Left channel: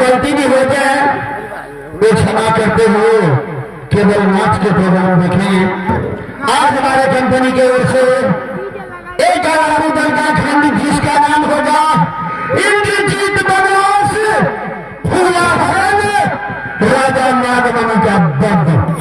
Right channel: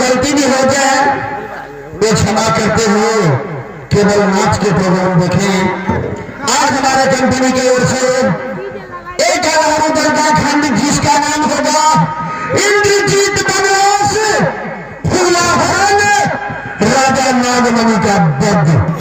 गलती भी हो जाए वे क्षमा करते हुए केवल नाच के प्रोग्राम देखें। आज हमारे कंपनी की ओर से एक दरगाह खान जिसका नाम होगा इंद्रजीत बनवास फूलाहान राजा नागमणि का बद्ध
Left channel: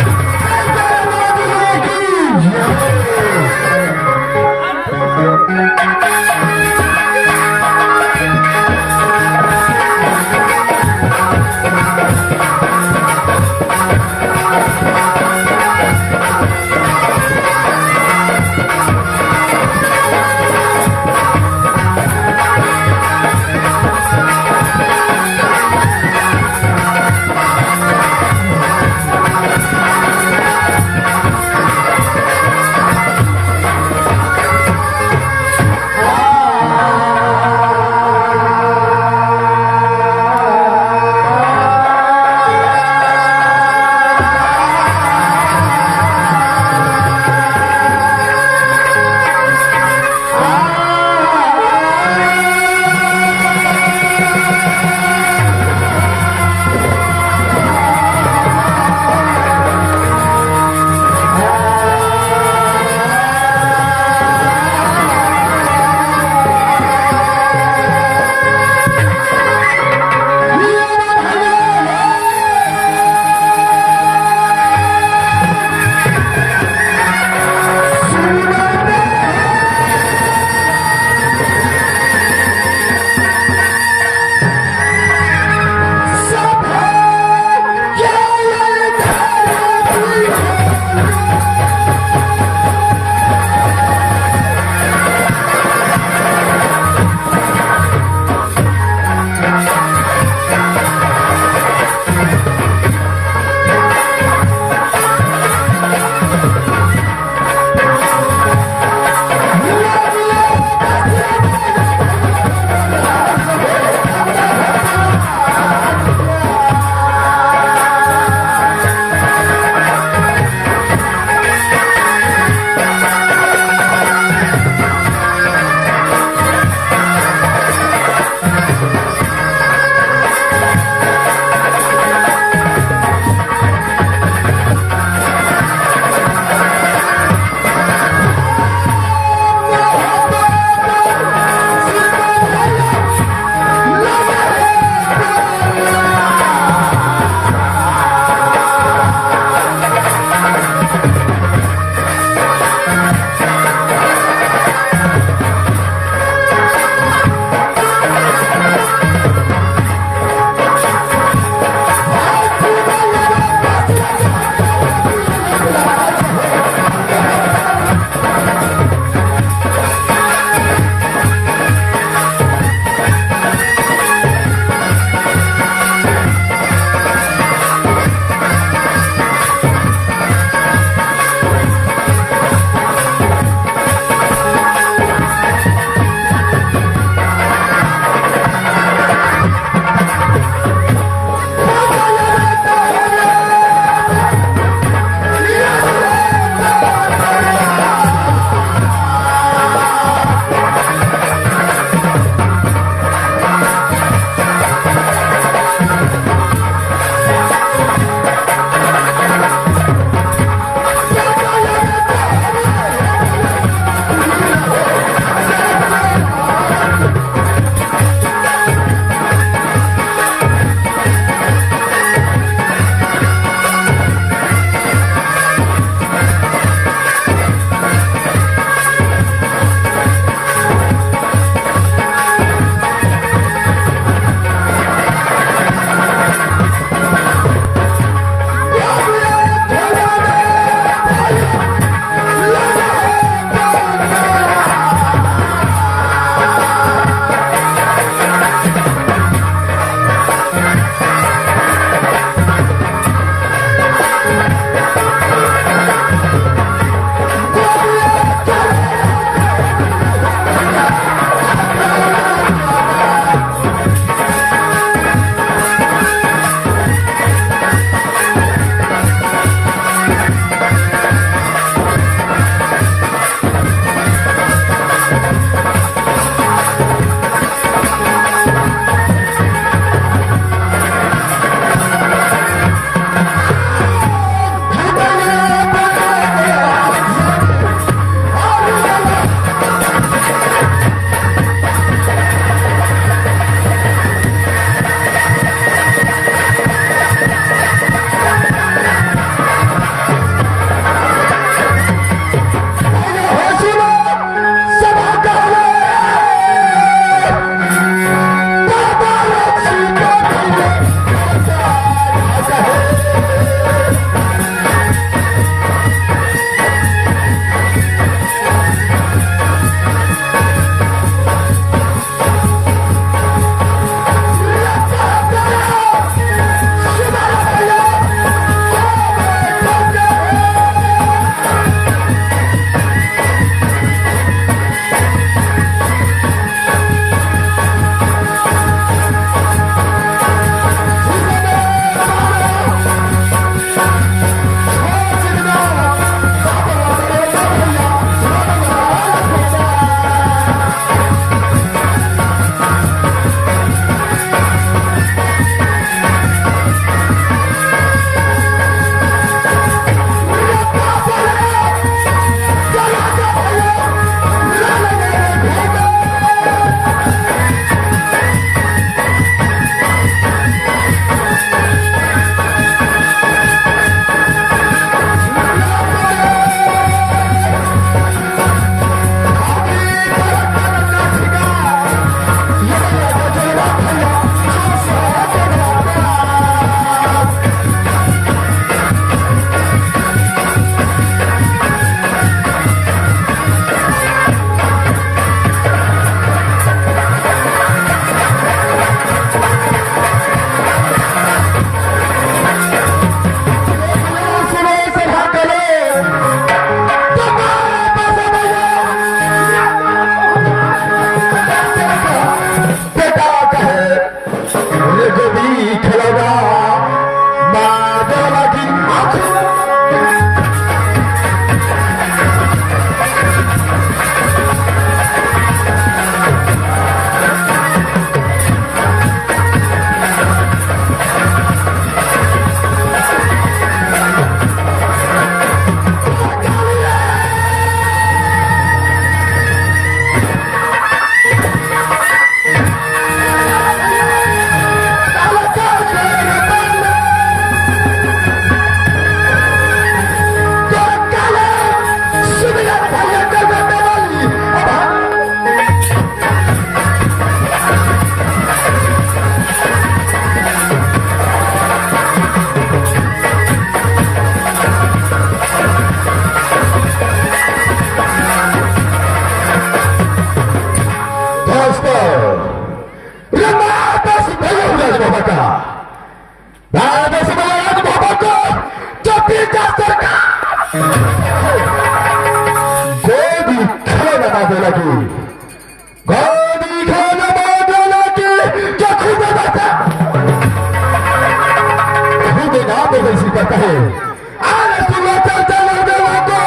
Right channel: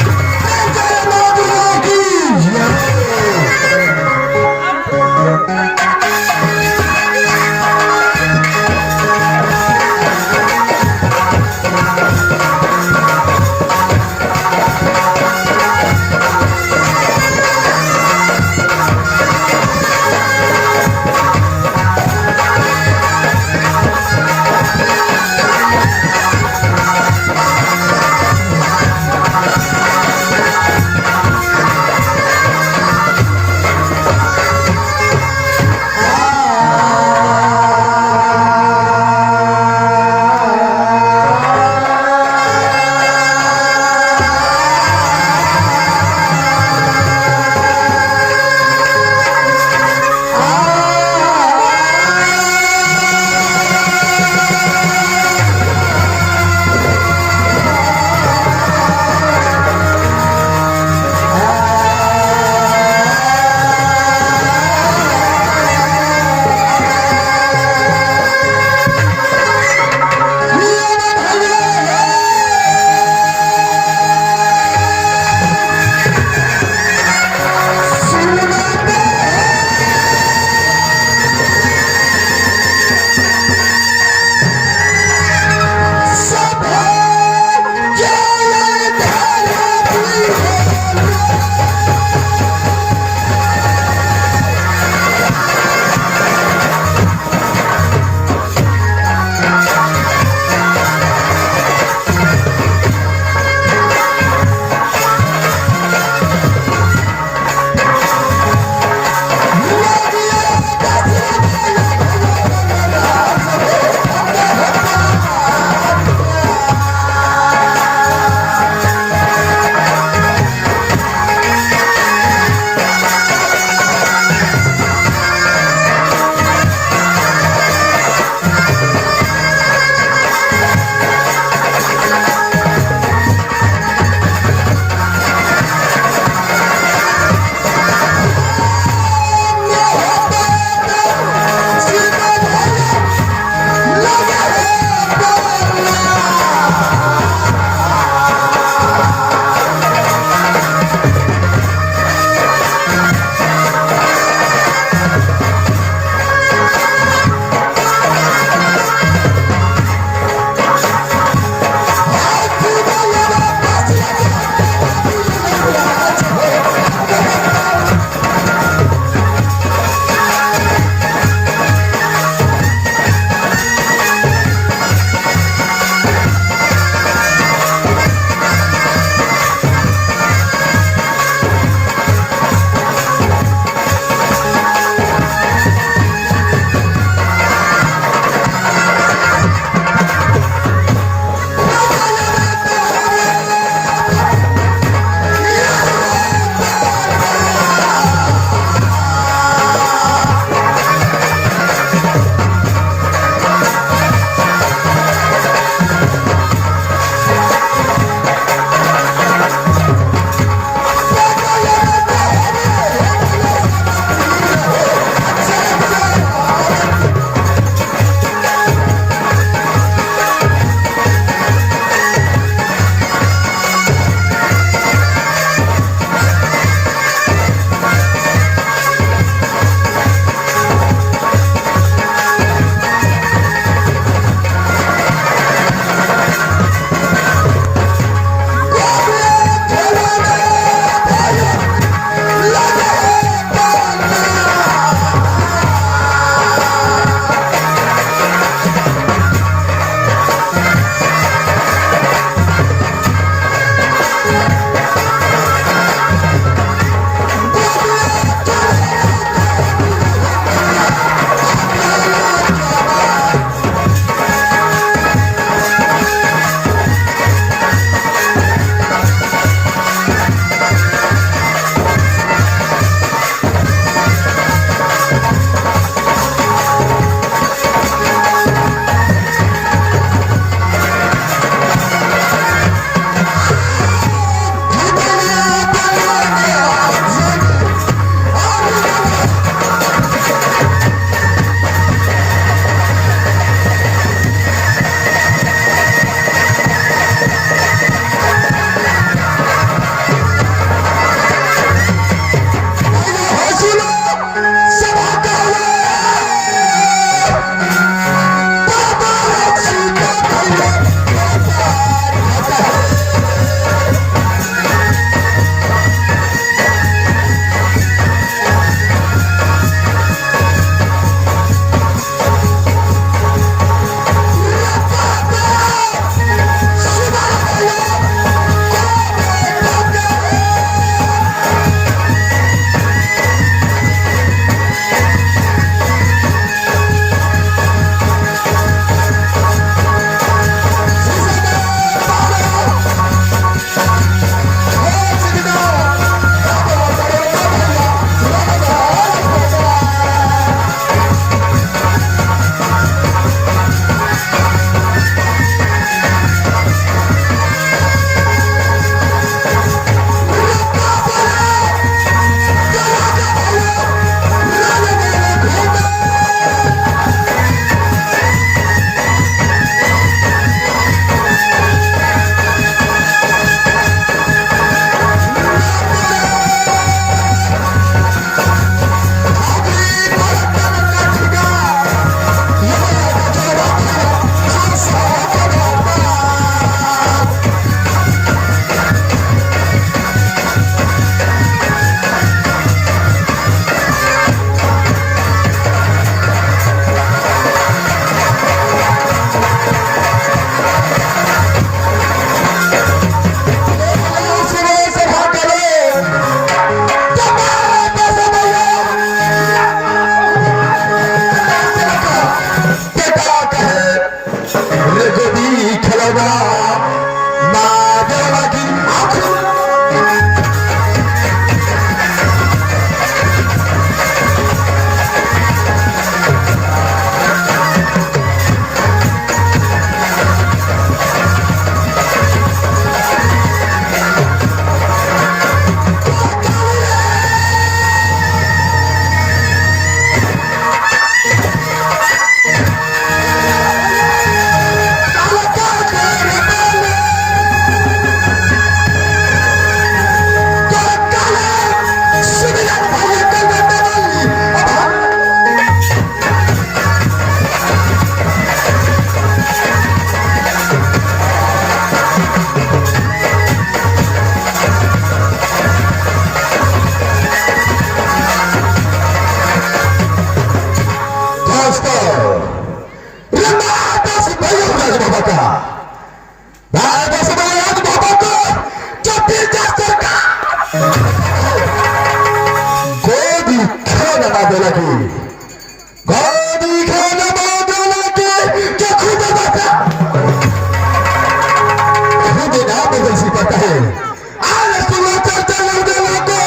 की गोदी खाना बादला की जो खुद बता खुद ना बदल सकता है आज समाचार चला देवा को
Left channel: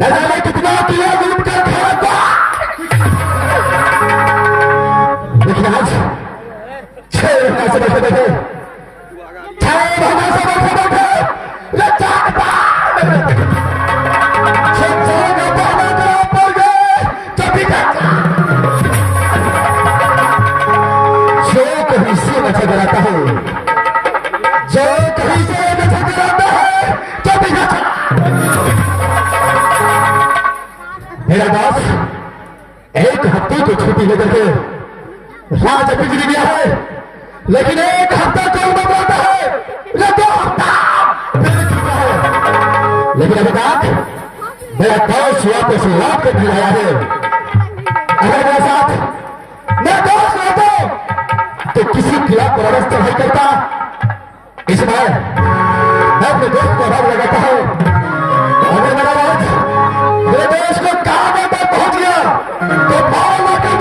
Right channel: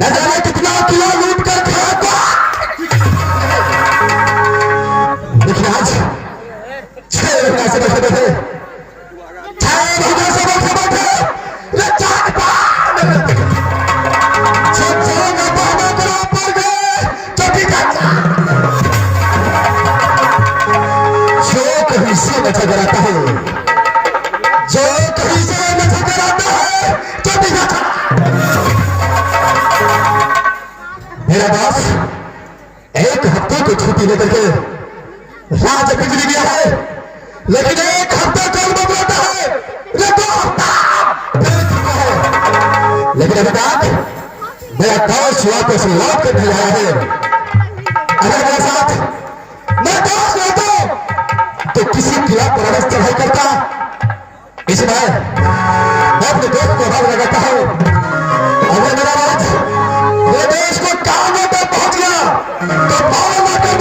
न जाने कितना किया लूट कर खाता। लेकिन आज 6 महीना से बैठे बैठे 6 महीना से बैठे बैठे जो कहीं से नजर आता है, जो कहीं से नजर आता है, जो भी मेरा दास एक हफ्ते की छुट्टी लेकर के राज बिजली गया है, लेकिन एक हफ्ता कल बदलता है, ये 2 हफ्ता बीत चुका है। लेकिन अभी तक मेरा दोस्त वापस लौट के नहीं आया है। अगर मेरे साथ मैं दोस्त रहता तो किसी खिलाफ व्यवस्था नहीं करता। इस बार मैं अपने दोस्त को भाग लगाता हूं। अगर मेरा राज मेरे देश को कहां तक पहुंच गया तो पावर लाकर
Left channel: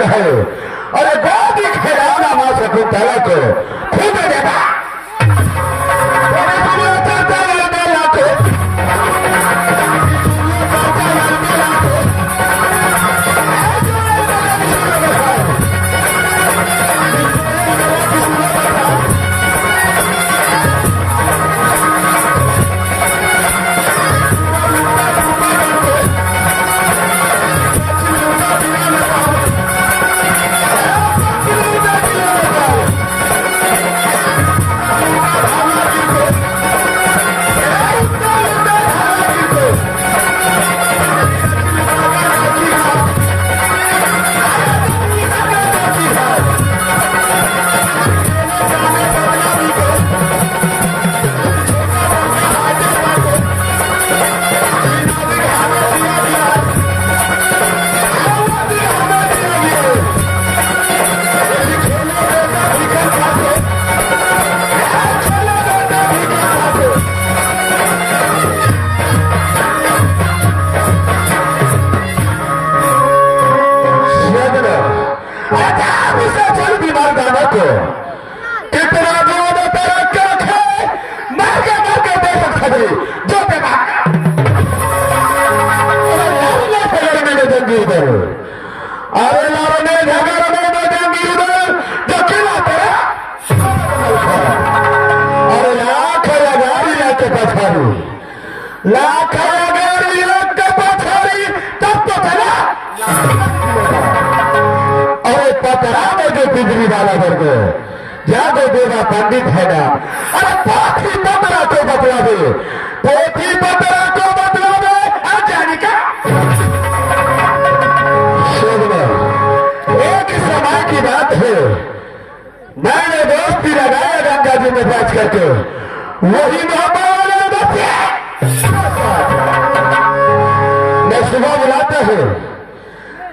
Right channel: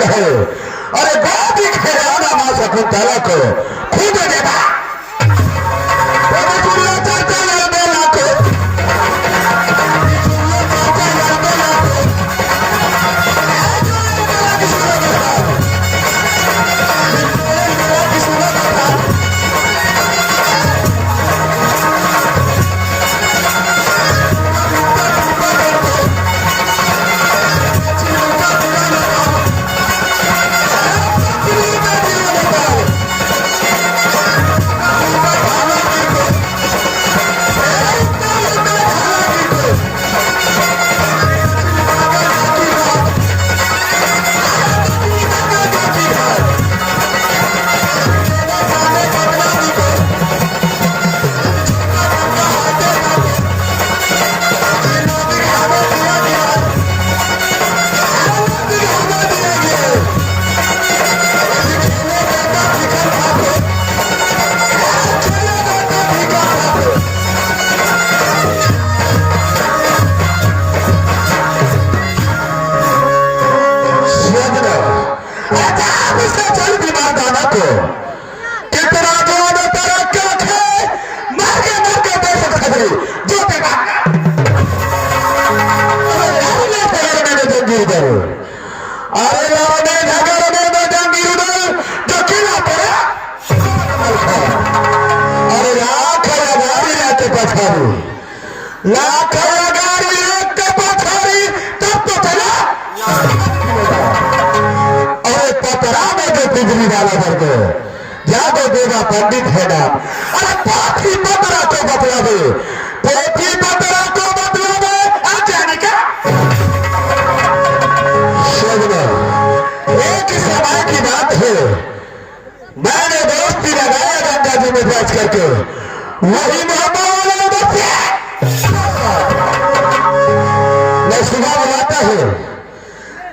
कहे अरे गोदी खेलाना मां शकुंतला को खुद देगा बिजली वाला करके जाके देगा पंडित है ना अरे पोथी पतरा को बतला दे पोथी पतरा को बतला दे जाने का एक समय की बात है मैंने दोस्ती लगाया गंगा जी में बैठ करके वही न सुबह बुलाता है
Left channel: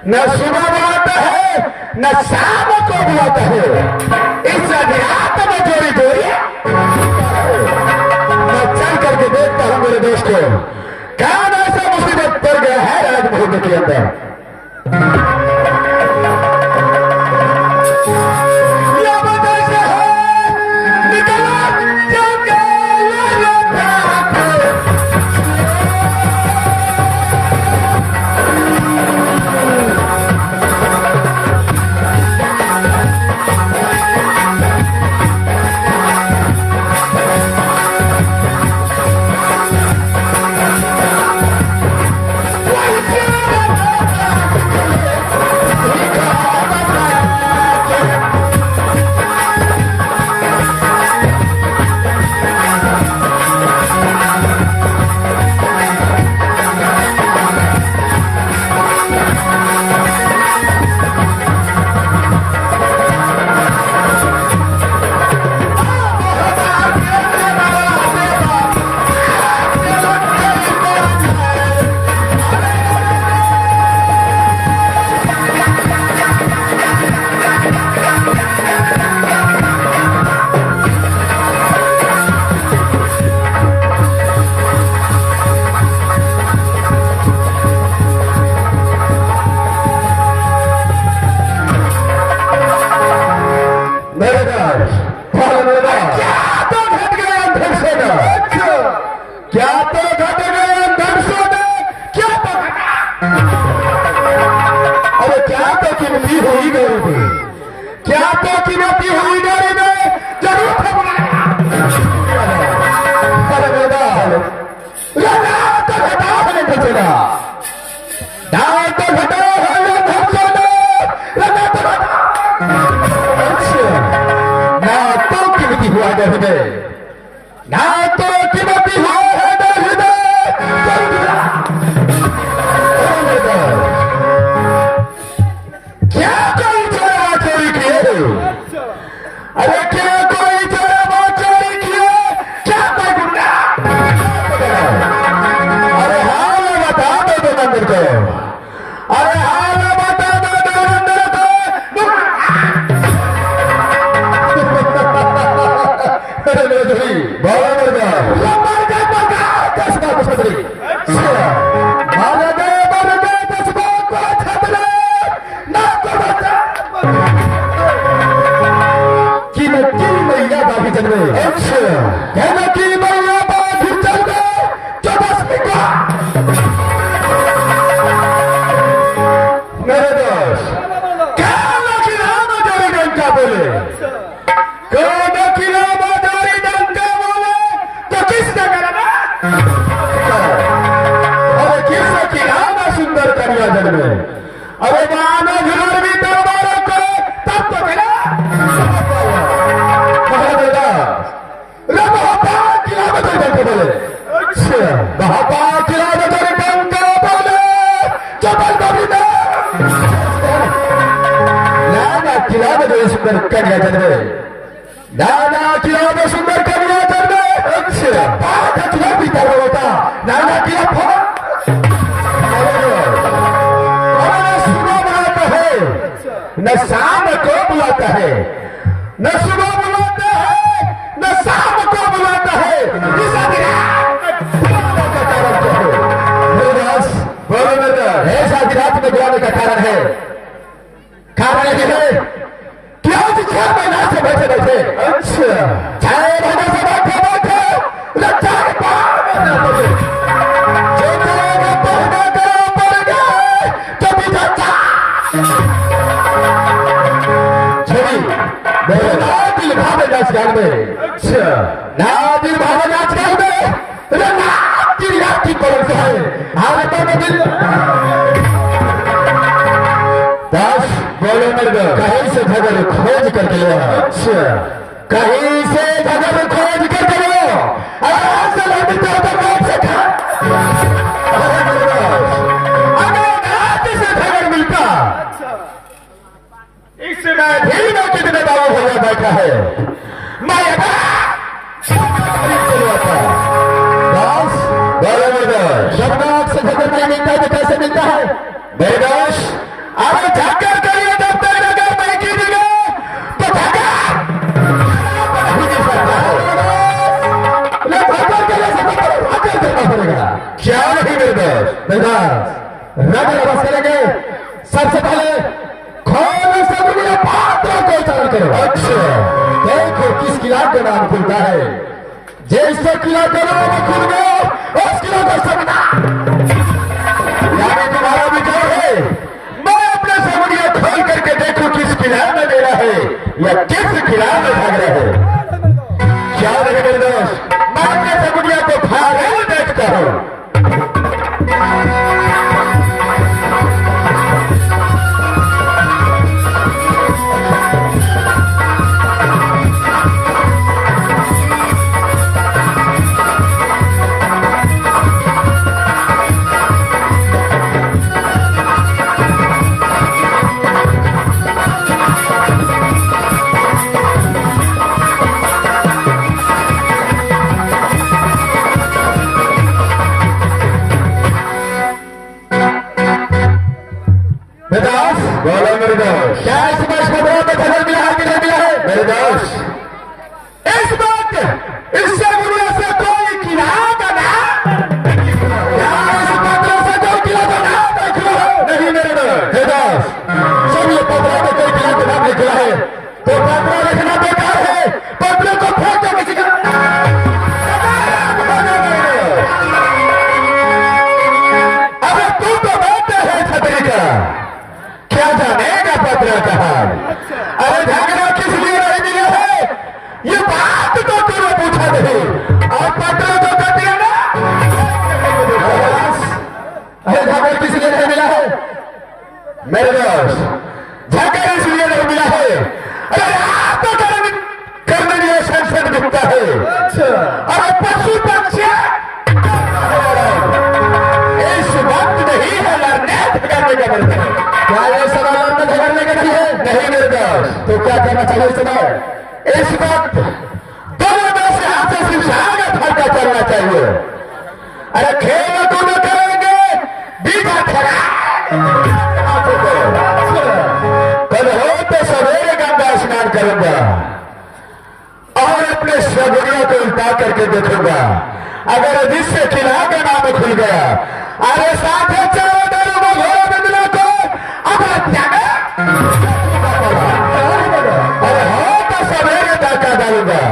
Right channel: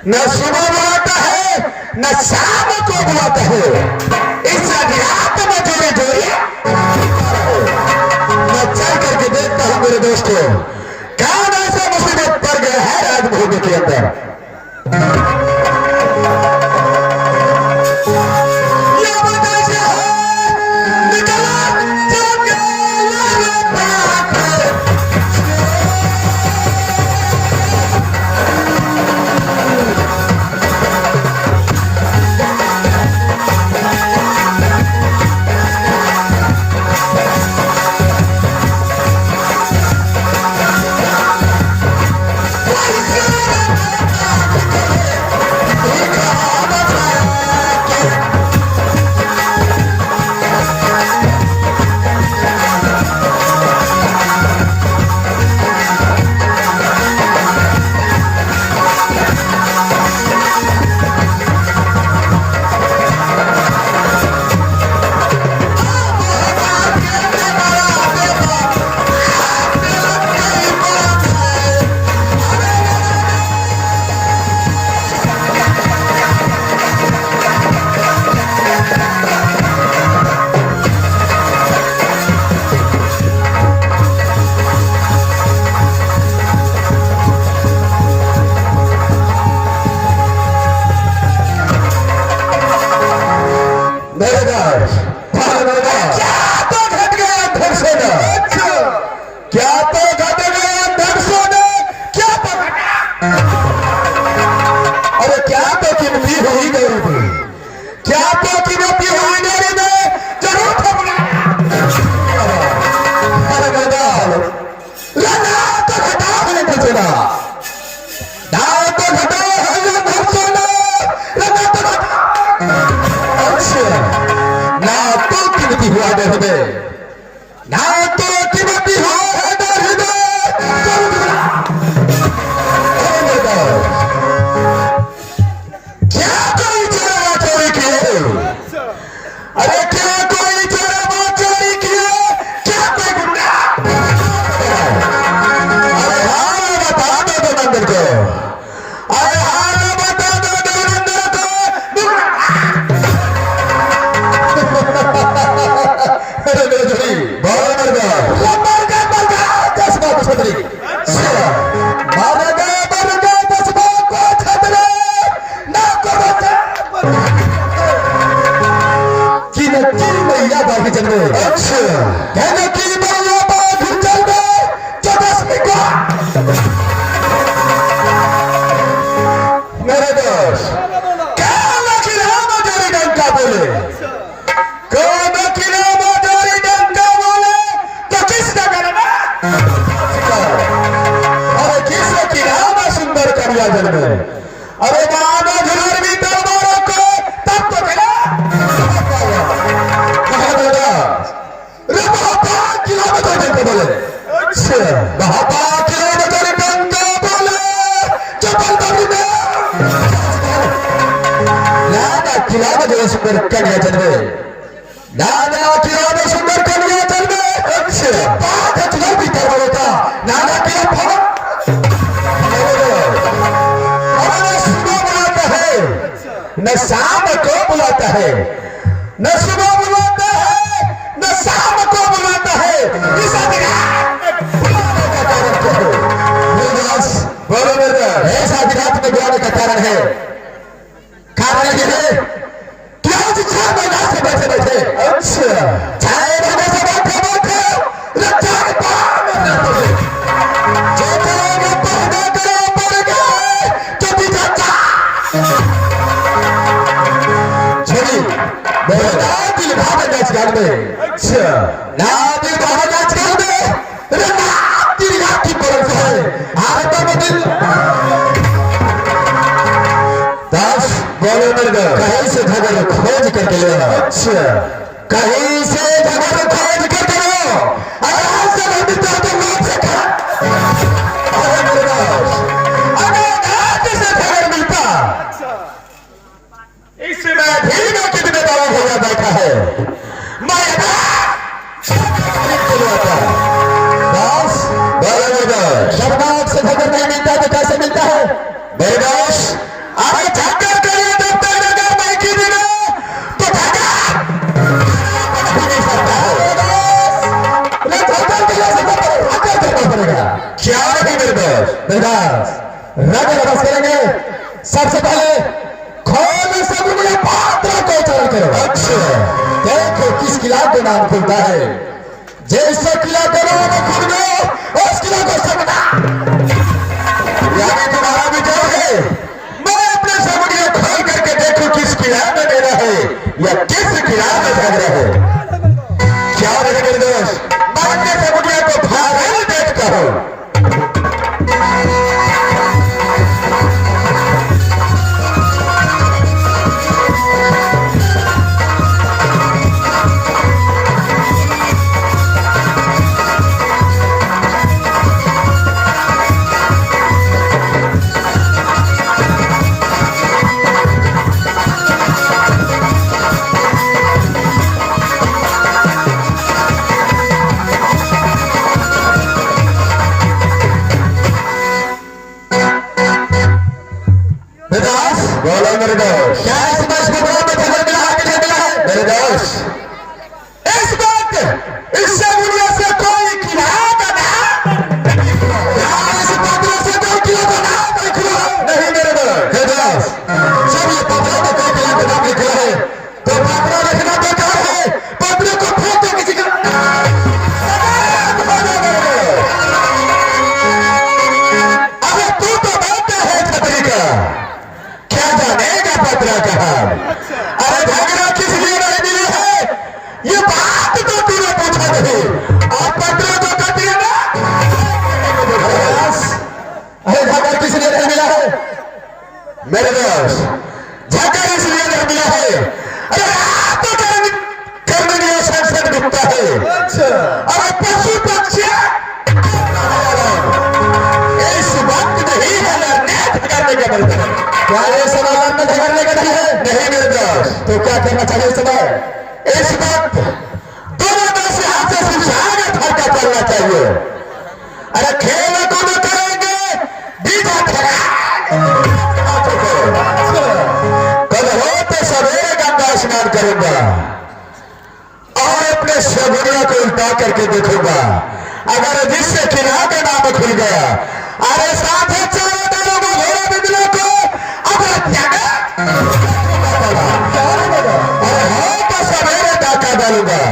न सुबह बुलाता है न शाम को बुलाता है इस रात में जोड़ी जोड़ी मैं चल करके देखता हूं मेरे दोस्तों कौन ऐसा मुसीबत पड़ गया है राजमहल के अंदर Marga, Marga, Marga, Marga, Marga, Marga, Marga, में। अच्छा कहना कि मैया बात चल गए जो 10 मेरे दोस्त कहना कि राम जोरी डंका बोले, कहना कि राम जोरी डंका बोले तो किसने करना और किसने कि राम सुंदर करिया जन्मे। अरे माना झाड़ भी दरबारों को तब तो मिला बोले। अच्छा किला सुंदर कन्या जन्मे, नाना किला सुंदर कन्या जन्मे। अच्छा बीता बोलता नाना किला न शाम को बुलाता है, न सुबह बुलाता है, न शाम को बुलाता है। इस ऐसा विराट में बुलाने का कारण है, कारण ये है कि आज 6 महीना से बैठे बैठे, अच्छा 6 महीने से बैठे बैठे लज्जा के पार जो करेगा पढ़ने करो पढ़ गए जो भी जाता दिल भाग नाच में। अच्छा दिल भाग नाच में दिल याद परम है आरता में दिल 10 बोलो कहीं से झगड़ खोज करके लो। अच्छा कहीं से झगड़ खोज करके लो, आराम से लंबी तो मौत से खा से झगड़ मिलता। इसमें भी मैं कितने दवा भैया बैठा है मैं शब्दात से झगड़ नहीं मिलता तो कैसे मिलता है बेदोश। अरे झगड़ करिए जब तक अगर मैं की दिलो तो पड़ेगा क्या नहीं निर्दोष रगड़ बस करेंगे। सबसे पहले खोल सब पात्रों को उच्चारण करो। अच्छा देखो किस किला का नाम खुलता है, जैसे किला का नाम खुल गया उस किला को समझा यानी तुम्हारा भी क्या है। मैं अपने समुद्र खोल करके देखूं किस किला में मेरा है या किस किला में भाग रहा है। क्या रहे मेरे दोस्त मैं अपने समुद्र को भाग देखता हूं। क्या इस वर्ष को बहुत खबर मिला है कि नहीं मिला है मेरे दोस्त। इस वक्त इससे दुनिया से कोई किला का नाम इस पत्र से कोई किला का नाम नहीं खुला नहीं मेरे दोस्त। जब ये पत्र में कोई किला का नाम लिखा है तो पत्र लिखना बेकार है, पत्र को फोटो किसी का अरे तू तो बैठा है छतरी का क्या जानेगा पत्र कहा। अरे झगड़ा किस लिए नहीं मिला है ये बात तो तूने पूछा नहीं और पत्र तो कर दिया ना। अरे झगड़ा किस लिए नहीं मिला है मेरे दोस्त, झगड़ा इसलिए नहीं मिला है अरे आप तो करने के लिए संसद दिखता है। अरे पशु पक्षी इस वक्त नहीं है लड़ने करने का बनता है। क्या ये सवाल में झगड़ने का नहीं है नहीं मेरे दोस्त। तो क्या करना चाहिए इस समय इस वक्त दोनों दोस्त से हाथ से सुशागत हल्का करना चाहिए। अरे खेल को न करेंगे बीजा खड़ा कल हो तो सवेरे गंगा स्नान करूंगा और अपने शबरिया को उल्टा करके देखूंगा। अगर जिससे किला का नाम खुल गया अरे साथ चारों दलों को घोड़ा बिंदुओं को तो सवेरे डाका डालूंगा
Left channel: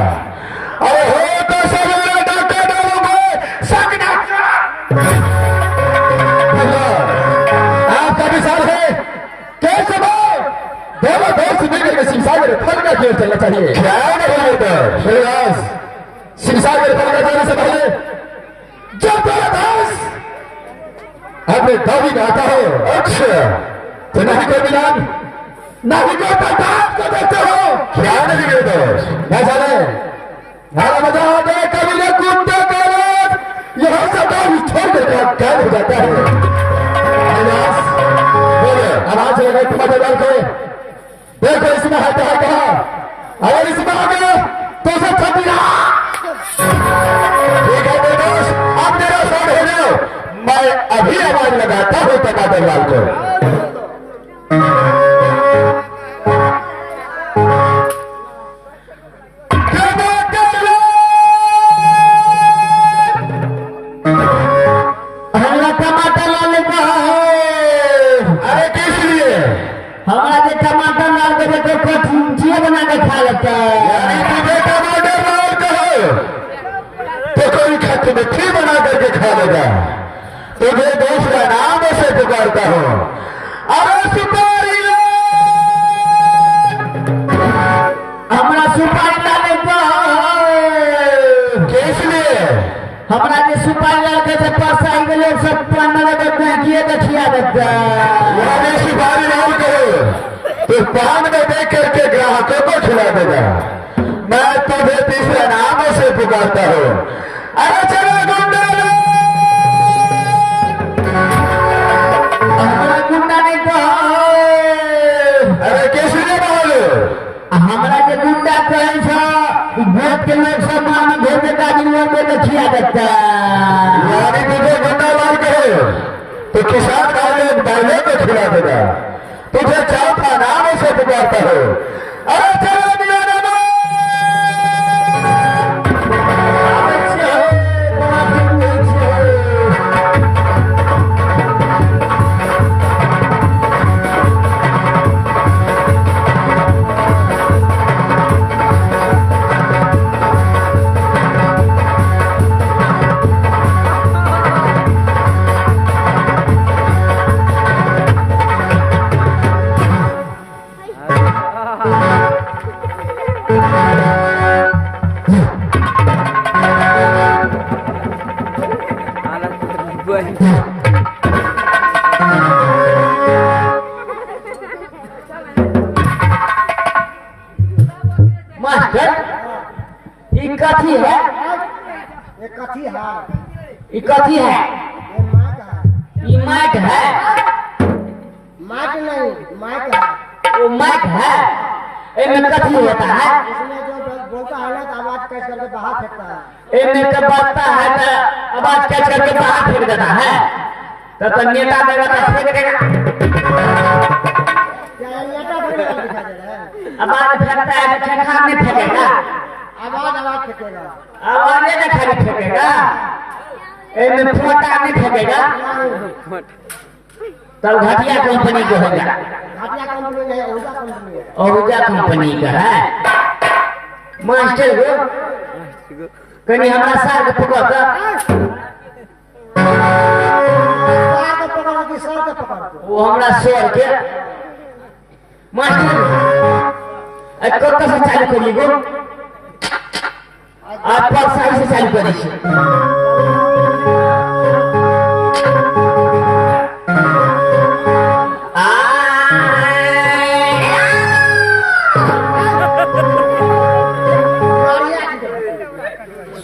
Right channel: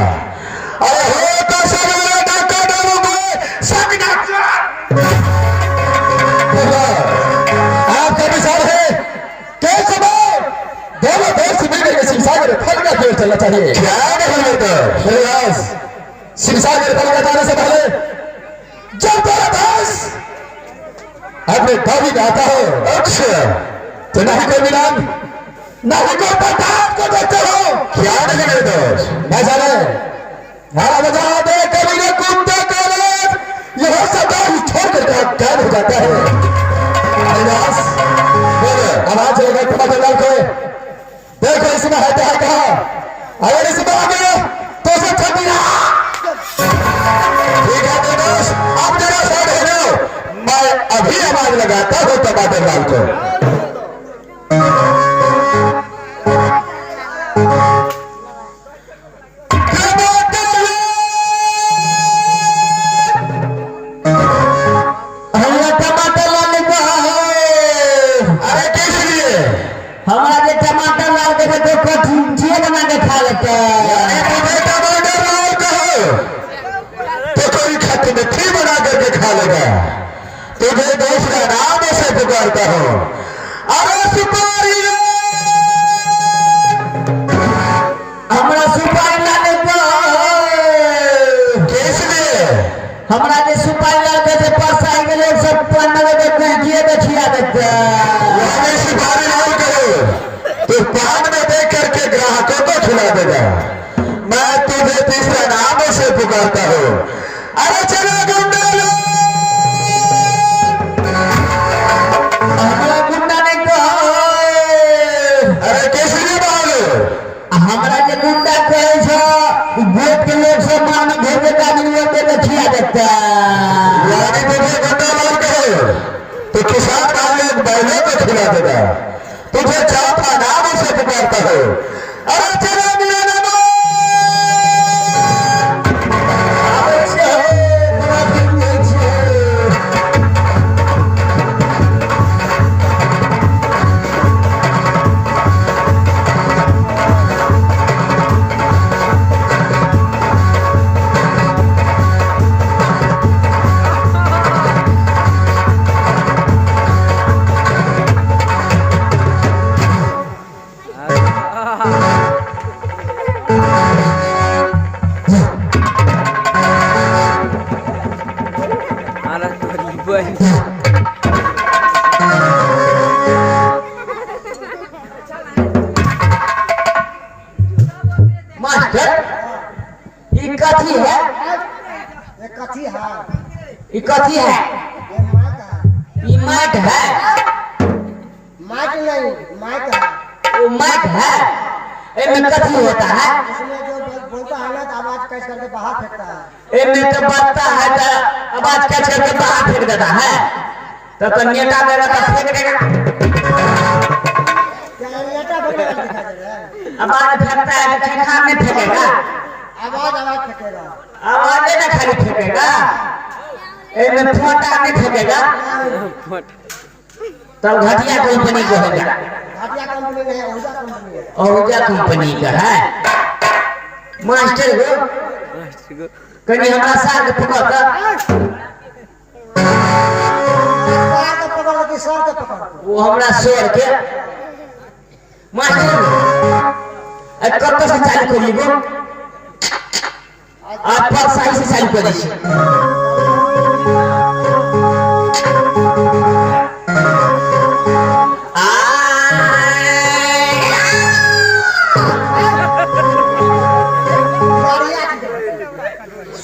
शिवसागर फल का खेल चलना चाहिए। क्या नहीं होता शिवदास शिवसागर फल का जाने से पहले जब तेरा दास अपने दावी में आता हो अच्छा तो नहीं कोई मिलान नहीं कोई बर्दाश्त को देखते हो। क्या नहीं निर्दोष मैं जाने नारा बजा दे कभी न कूदते कर यह सदा ही छोड़कर कैद हो जाता है। शिवदास आवाज हो गई पता चल को देखो इसमें है कहा और इसमें आ गया तो उसे ठंडी रहा। ठीक है निर्दोष अब तेरा शॉट हो जाओ मैं अभी आवाज लगाता हूँ टमाटर लाल को। तुझे दूसरा नाम से पुकारता हूँ अरे सुपारी हमरा सुपारी लाने को किस लिए हमरा के सुपारी लाने के पास आए लोग सब पंद्रह के कुलकिए देखिया देता यानी सुपारी रोल करो तो पान में देख करके ग्राहकों को खिला देगा। मैं तुझे तीसरा नाम से पुकारता हूँ अरे चलो गुंडा तो किसान वाले बैलों को खिला देगा। तुझे चौथा नाम से पुकारता हो अरे चलो कथी है ये कथी है ये कथी है ये माइक है ये माइक है माइक नहीं माइक है वो माइक है इनमें कथी होता है इसमें जो बोलता है ना तो आवाज कैच करके बाहर फेंकता है इनमें तो बजता है तो आवाज कैच करके बाहर फेंक देता है तो नेता मेरा तो फेंकेगा क्या नेता फेंकेगा दिखा दे रहा है आवाज फेंकता है तो खेखा में फेंकेगा आवाज फेंकेगा आवाज नहीं खाली फेंकेगा इनमें फोटा नहीं फेंकेगा तब घटिया कंपनी को होगा घटिया कंपनी नहीं ओजा कंपनी है ओजा कंपनी का है मास्टर को कहीं हमारा सार के पकड़ सर के पकड़ के सर के पकड़ वो हमारा सर के मास्टर कब से चालू करी गो आप सही से चालू करी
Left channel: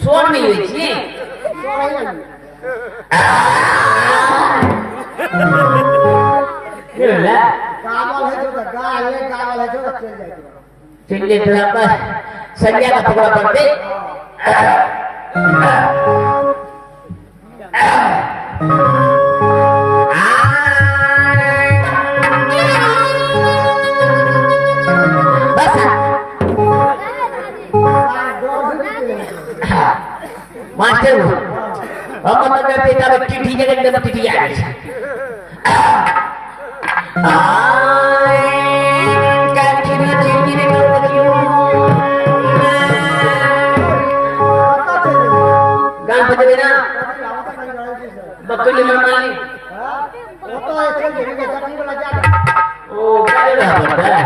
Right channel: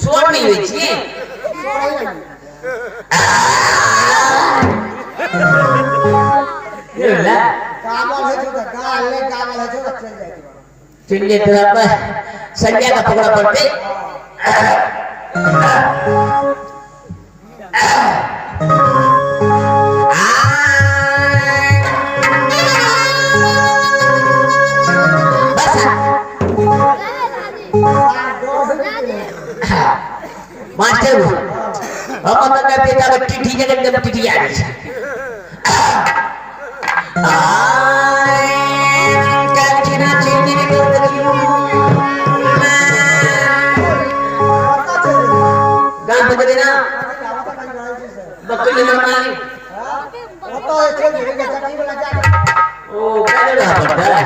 स्वर नहीं हुई थी गावल है जो गाले गावल है जो चल जाएगी चलिए तो आप संज्ञा का पकड़ा पड़ते मास्टर हम अपना पिता बच्ची ठीक है एकदम टिटी आ गई बकरी हमारी वो तो चल जाएगा चटनी वाला जा ओ क्या पड़ता है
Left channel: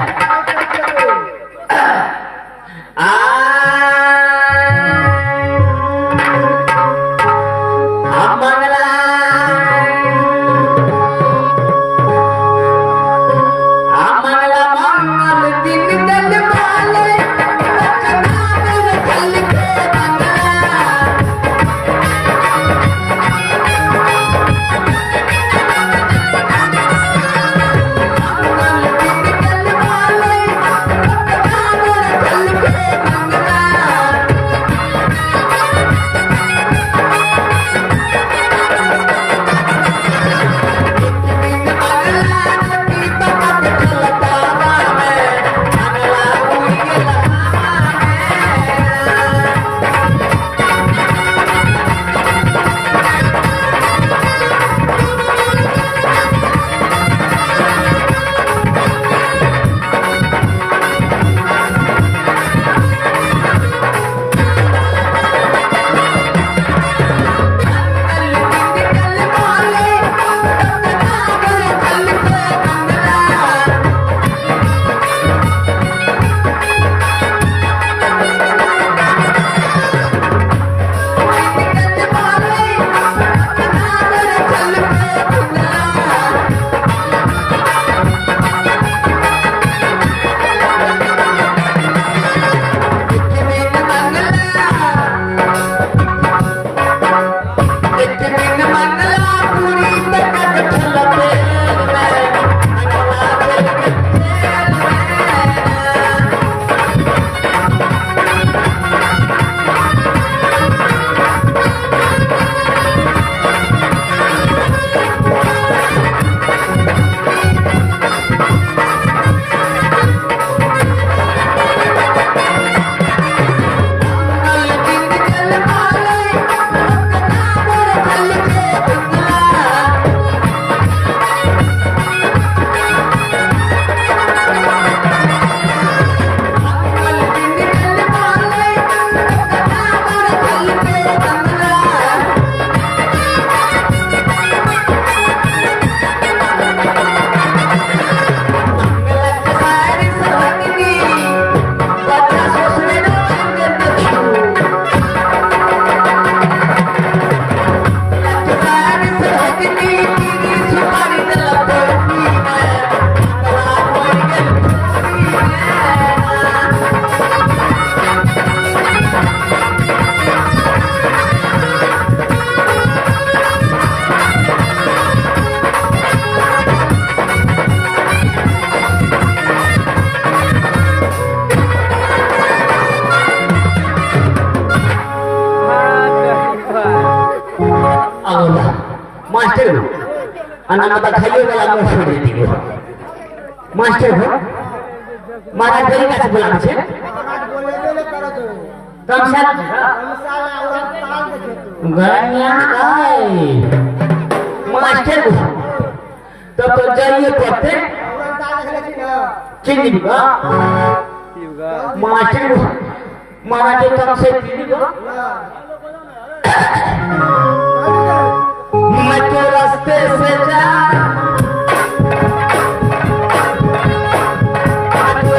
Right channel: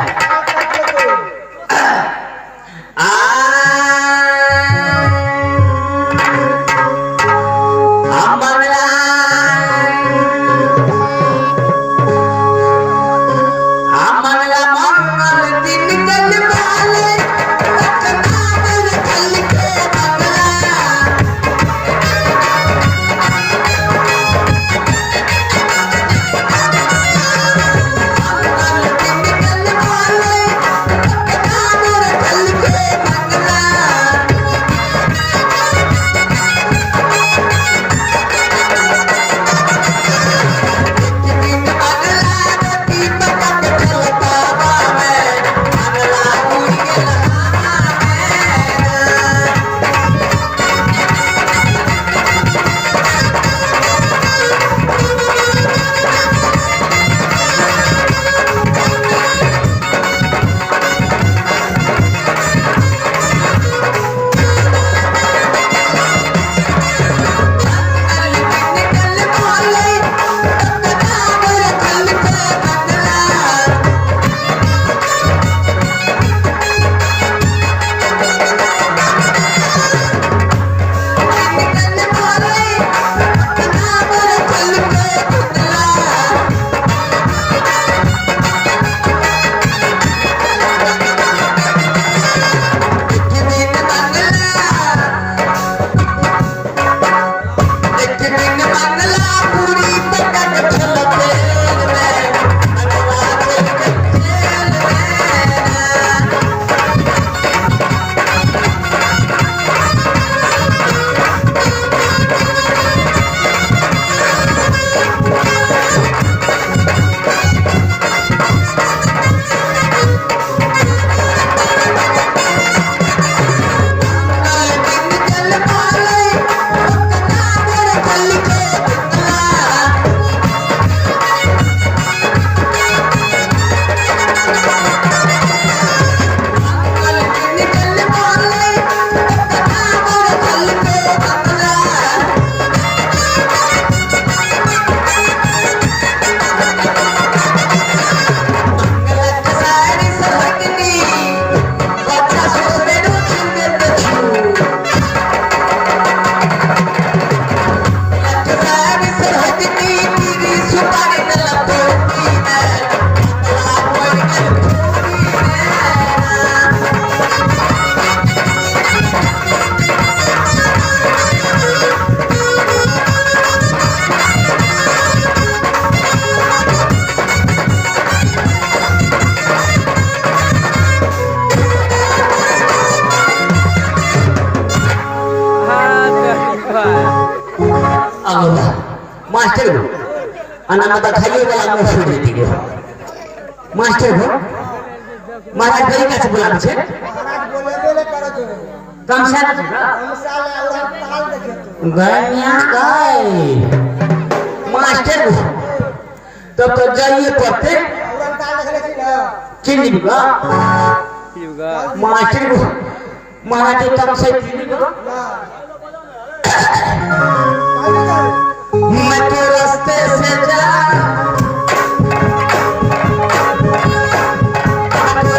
मास्टर हो अनामता खाली वाला मुंह छोड़ देती हो मास्टर हो महाराज गली का बोला छे महाराज बोले बोले करो तो कम साल और ताल देखे तो गनिया आई मास्टर हो तब तो जाइए पढ़ते और ताल देख ले ना चिन्नी बिगा मास्टर हो महाराज कम से चिन्नी बिगा मैं तो रास्ते से जा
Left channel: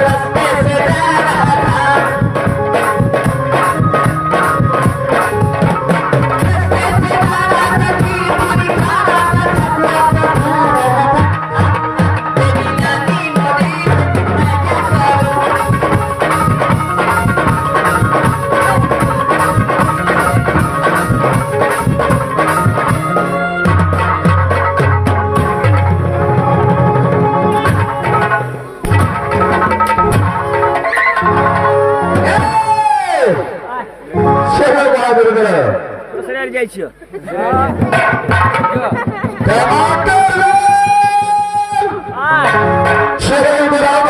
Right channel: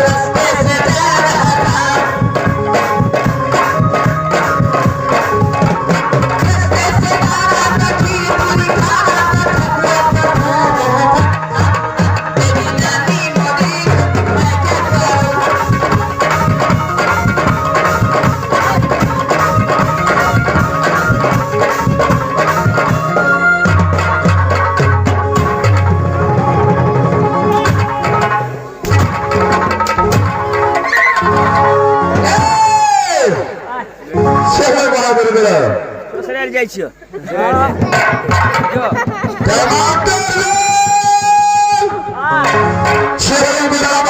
रास्ते से जा रहा था रास्ते से जा रहा था जी पूरी खा रहा था मेरी नानी मोरी मैं क्या जाइ छियो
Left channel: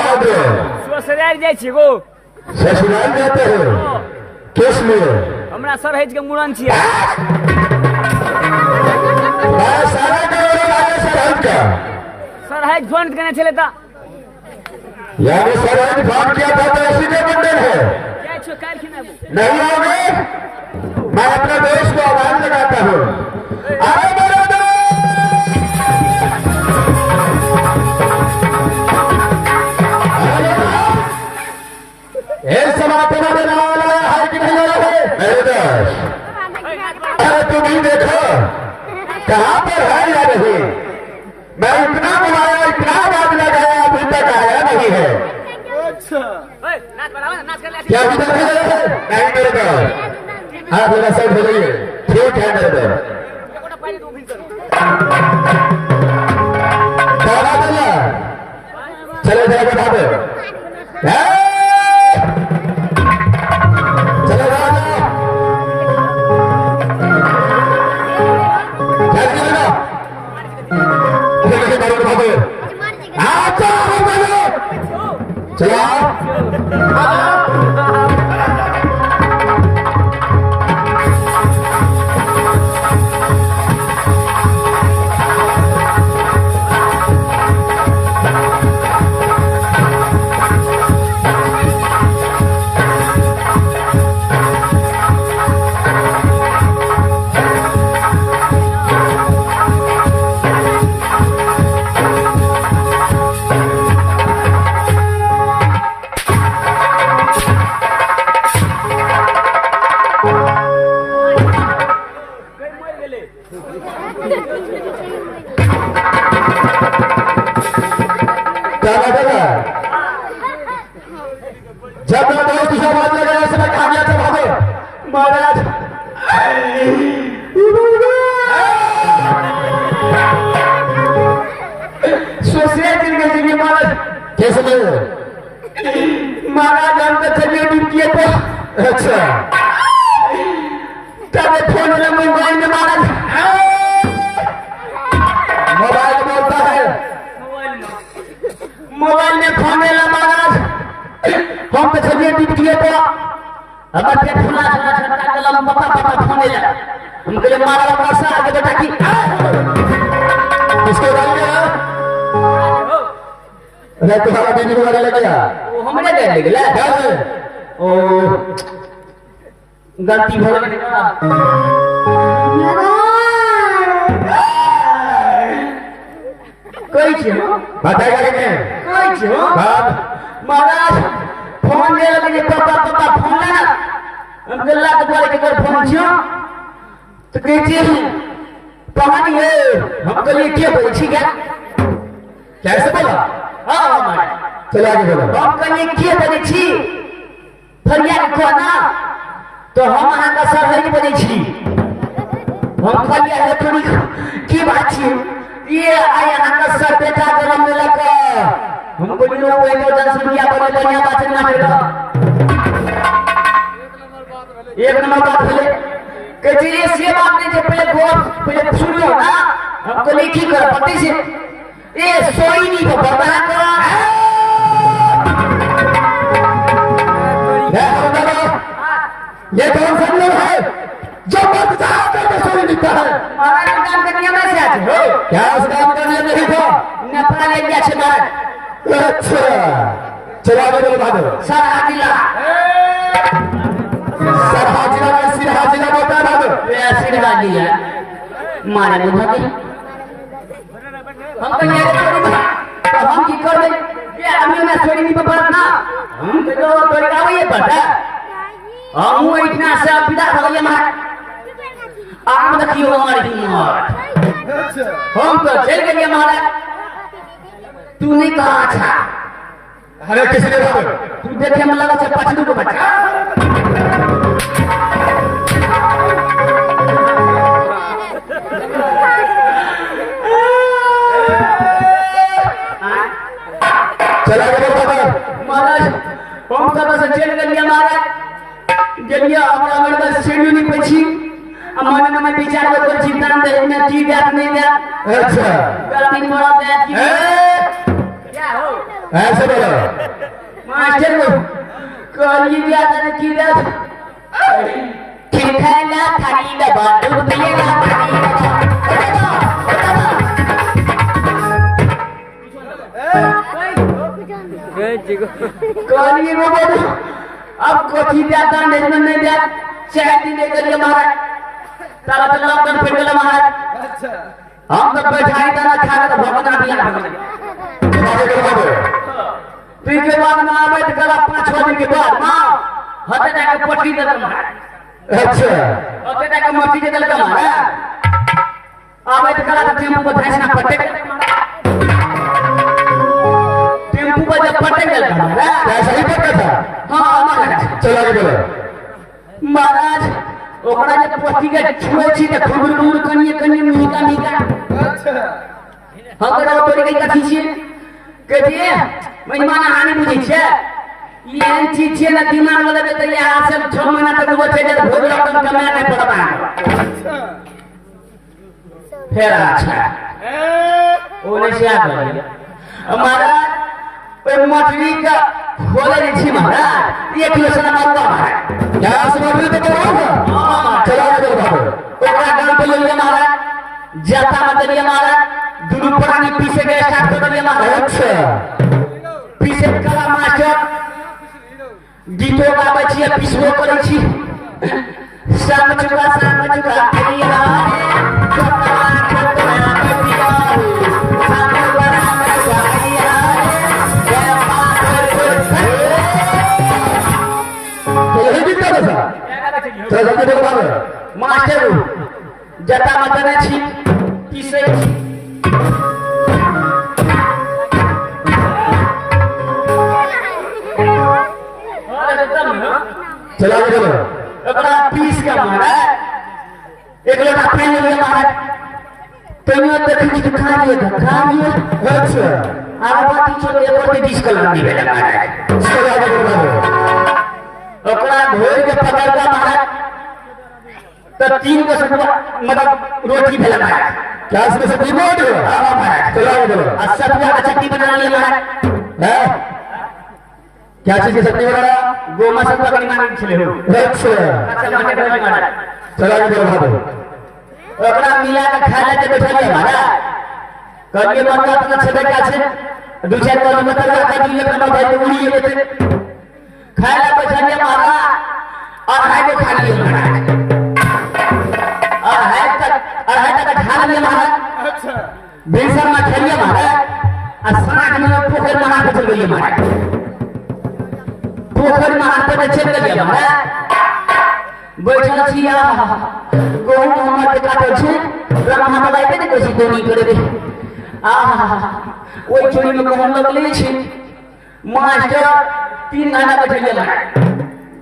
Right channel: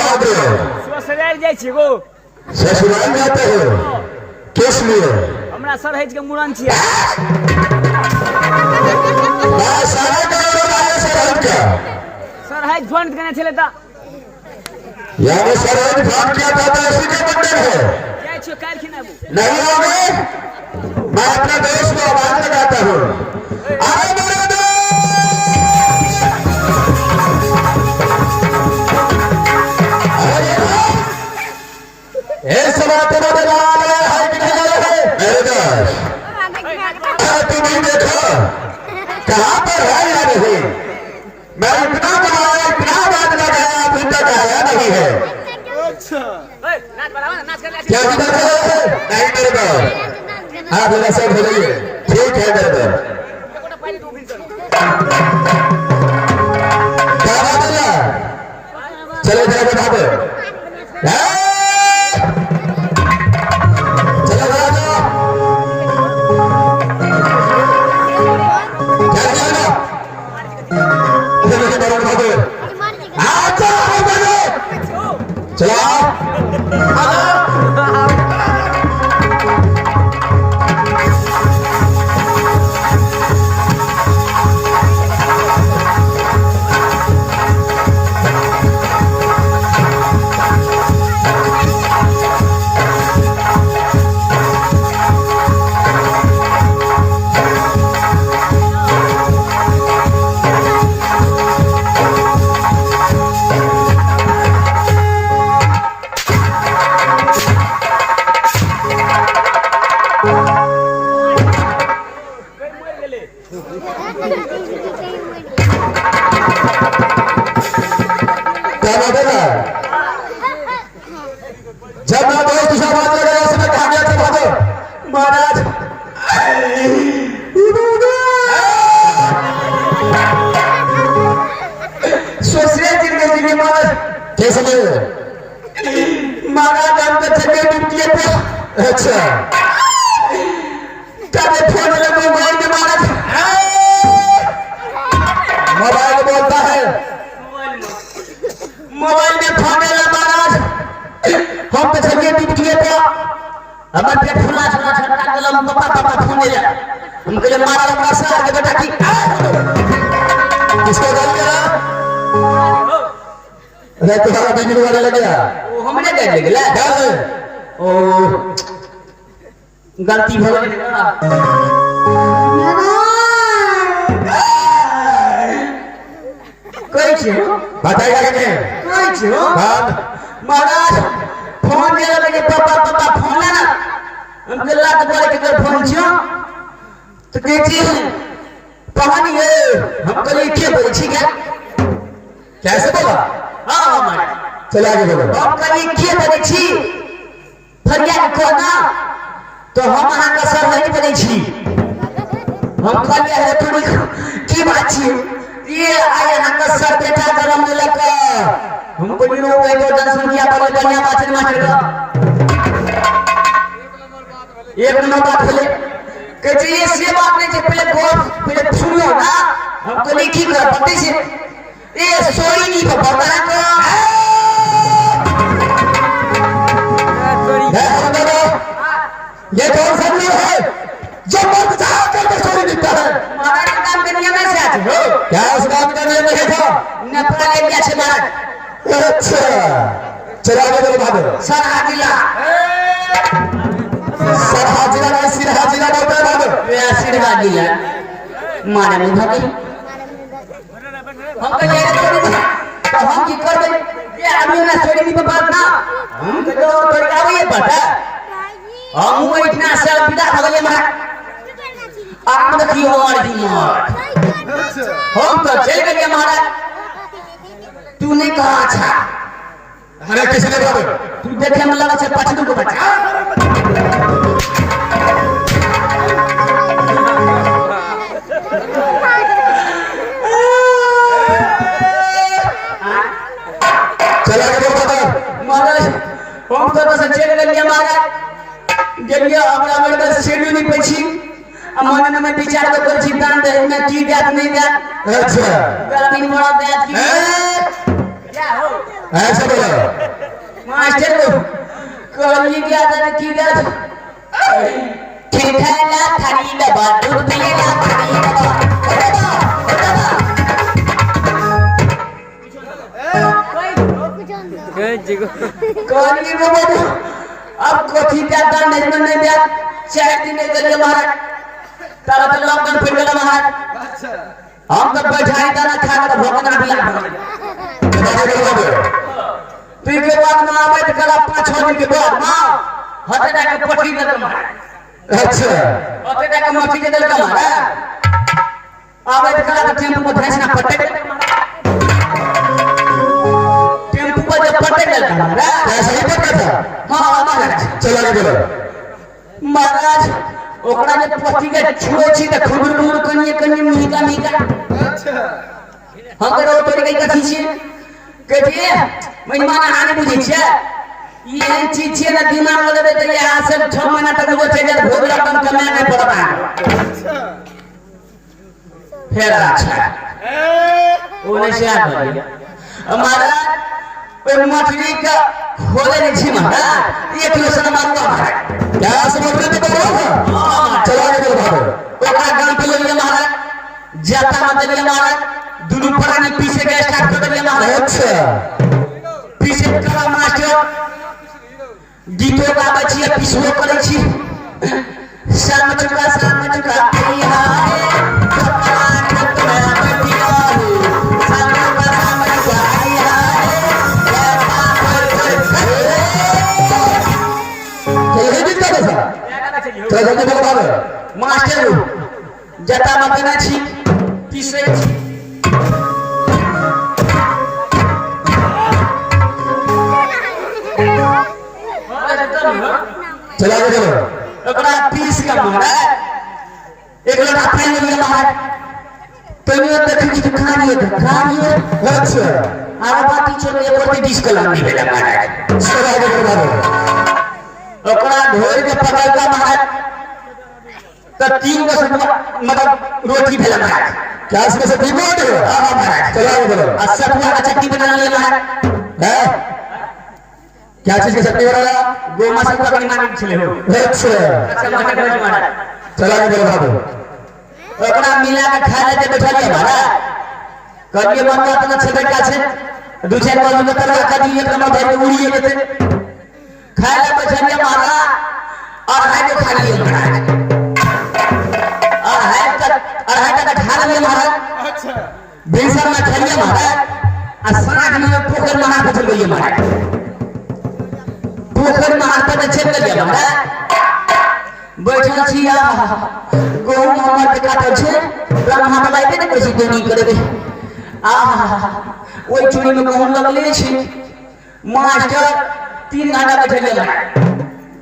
ससुराल जाइ छी गो ससुराल जाते हो किस लिए हमरा सरहज के मुड़न छियै मैं सारा करोड़ आए सरहद का सरहज फोन करने चले ता यानी सरहद फोन किया था तो उसी के मंदिर है जाइ छियो काल खिनाबू नहीं आओगे मैं अपने दोस्त को आवाज लगाता हूँ अरे मेरे तुम्हें देखो कहाँ पर है या नहीं मैं इतना बुलाया इतना बात लगाया अभी तक आया नहीं है क्या विचार है नहीं मेरे को हाँ मेरा सब हो गई ठीक है मेरे को क्या बात है चलो जरा बता दो चलो जरा जब मैं दोस्त के साथ बात कर रहा हूं कहा गया था भागो महाराज सोचने जिंदगी महाराज कैसे महाराज हम तो चले ड्यूटी पे अच्छा कब फोन में मोबाइल में महाराज मोबाइल बोलता है मोबाइल में फोन में महाराज हम तो चलिए ड्यूटी पे हमें पे फुला छटका के हम पापा फोन ले हम के मारा अपना से आगे बेटा की किसको गाली दे रहा अरे तुम्हारा बीवी वाला लग गया वो हमने दे दिया ओ गलती हो गई कोई छे बताइएगा क्या कोई छे बात महाराज फोन मेरा लगे पापा फोन है ना हम गल्ला के बोले के फोन छियो तो कहती कहानी है हम कल क्या बोल छी क्या कैसे बोला हां महाराज चलो आगे बोलो हम कल क्या बोले छी फरिया को ना तो हम अहाँ का सर नहीं बोले छी हम फरिया है तुम की बात छी ये आया अहाँ का सर बेटा गरम लगा हमको भी लोग एक दस रुपया पर बढ़िया बात ना करेगा एक नंबर बात है कि ये से बात नहीं जो पहले सुनियो ना हमको नहीं की कर पते से ये सोई नहीं तो पता को ये कौन सा लोग है जो मर्द चाह करके सोई निकता है हमारा काम करने में से आते हो क्या उस काम का नियम नहीं था नपरा ले गया छे महाराज अच्छा चलो आगे बोलो भागो सर हाजिला सब हाजिरा का सिर हाजिरा का होता है भागो ये आशीर्वाद दिया माना नहीं भागे हम तो ये तो हम की कर ये आदमी ना छोड़ी की बात ना हम तो तरीका ये पता हम इतना से विदा हो गए महाराज आप देखियो हमारी हिम्मत हम तो चल गए महाराज तूने कहा अच्छा अरे किसने बोला तू देखे में लगा चल 5 को बचा चला आगे बोलो महाराज हम तो बस चल गए महाराज गलिया हमरा में का सीढ़ी नहीं पछी मन में विचार को कर चिंतन दे में की बात नहीं दे अच्छा गलती बड़ा दे की क्या हो ऐसे बोलो मास्टर को कल की आदत की दे ठीक है ना खाली दबा दूध पिएगा खाली दबा कल ये बाबू अब कोठी जाता नहीं दे चाहे दिन कर महाराज तारा तो लॉकडाउन फिर गया महाराज अच्छा हम तो बैठाई दाना खा के भगवान भी आ फिर के बाद में आवे तो कल 5-6 दिन के बाद मां हटे ना के पट्टी दे महाराज अच्छा हटे ना के मट्टी दे महाराज आवे तो कल टेम्पू को भैंस ना पट्टे टेम्पू को जब पट्टे दे महाराज ऐसा ही पता था हां महाराज चलो आगे बोलो महाराज ओकरा जे पति के छोची के खुबुर कन्नी मीठा अच्छा हमरा तोरे के कथि छै कहतिए मेहमान आने बुझै छै ये चीज छै ना दिमाग में लेबे त यहां से 6 महीना तक वो छै जे भोग रकम कमे के पड़ता अच्छा फिर अच्छा ओने से आ गया हमारा पे मछली का खोले नहीं छी महाराज 1 किलो से मारवा महाराज क्या समझ तो बोलो चलो आगे बोलो ओकरा गांव पे ले महाराज जाता मत ले महाराज दुनु पुराने पीछे के स्टार्ट कर ले महाराज अच्छा पीछे कला मास्टर गीतो गाबै छी पीछो करै छी शाम चुका कहिया चलो जल्दी बोलो मास्टर जता मत ना छी पीछे छी चलो आगे बोलो ओकरा पीस के महाराज एक लोटा पानी ले महाराज तनियो देखि कि खा लिए अच्छा आरा बाटी छोड़ के ऊपर 20 कलम दी लगा महाराज चलो आगे बोलो ओकरा घोर के पकड़ के महाराज तो 3 को मतलब रोटी भेल महाराज क्या इसमें से तीन रोटी है हां महाराज चलो आगे बोलो आ सब्जी का चटनी बना ले महाराज है क्या चीज की चटनी बना गोमा से पकड़ी मांगे छले हो अच्छा महाराज चलो आगे बोलो बाबू ओकरा मिला के खा ले बैठा ले महाराज करिए बंदा अपना छबे का छे दो चार बार में तरह का दिए अपना भाई उड़ी लेते खाया बचनिया मारा और है के खा लिया महाराज और है का खा लिया महाराज अच्छा बेसर में खा लिया महाराज असराग में पोखर में हाथ चल गई महाराज पोखर में हाथ चल गई महाराज बैठल छिया गोल मोहम्मद का तो छे ब्रह्मा मलाई के कैसे दोनी करे दे ओई चोरी में कहन लगले छे मास्टर 3 घंटा बैठल है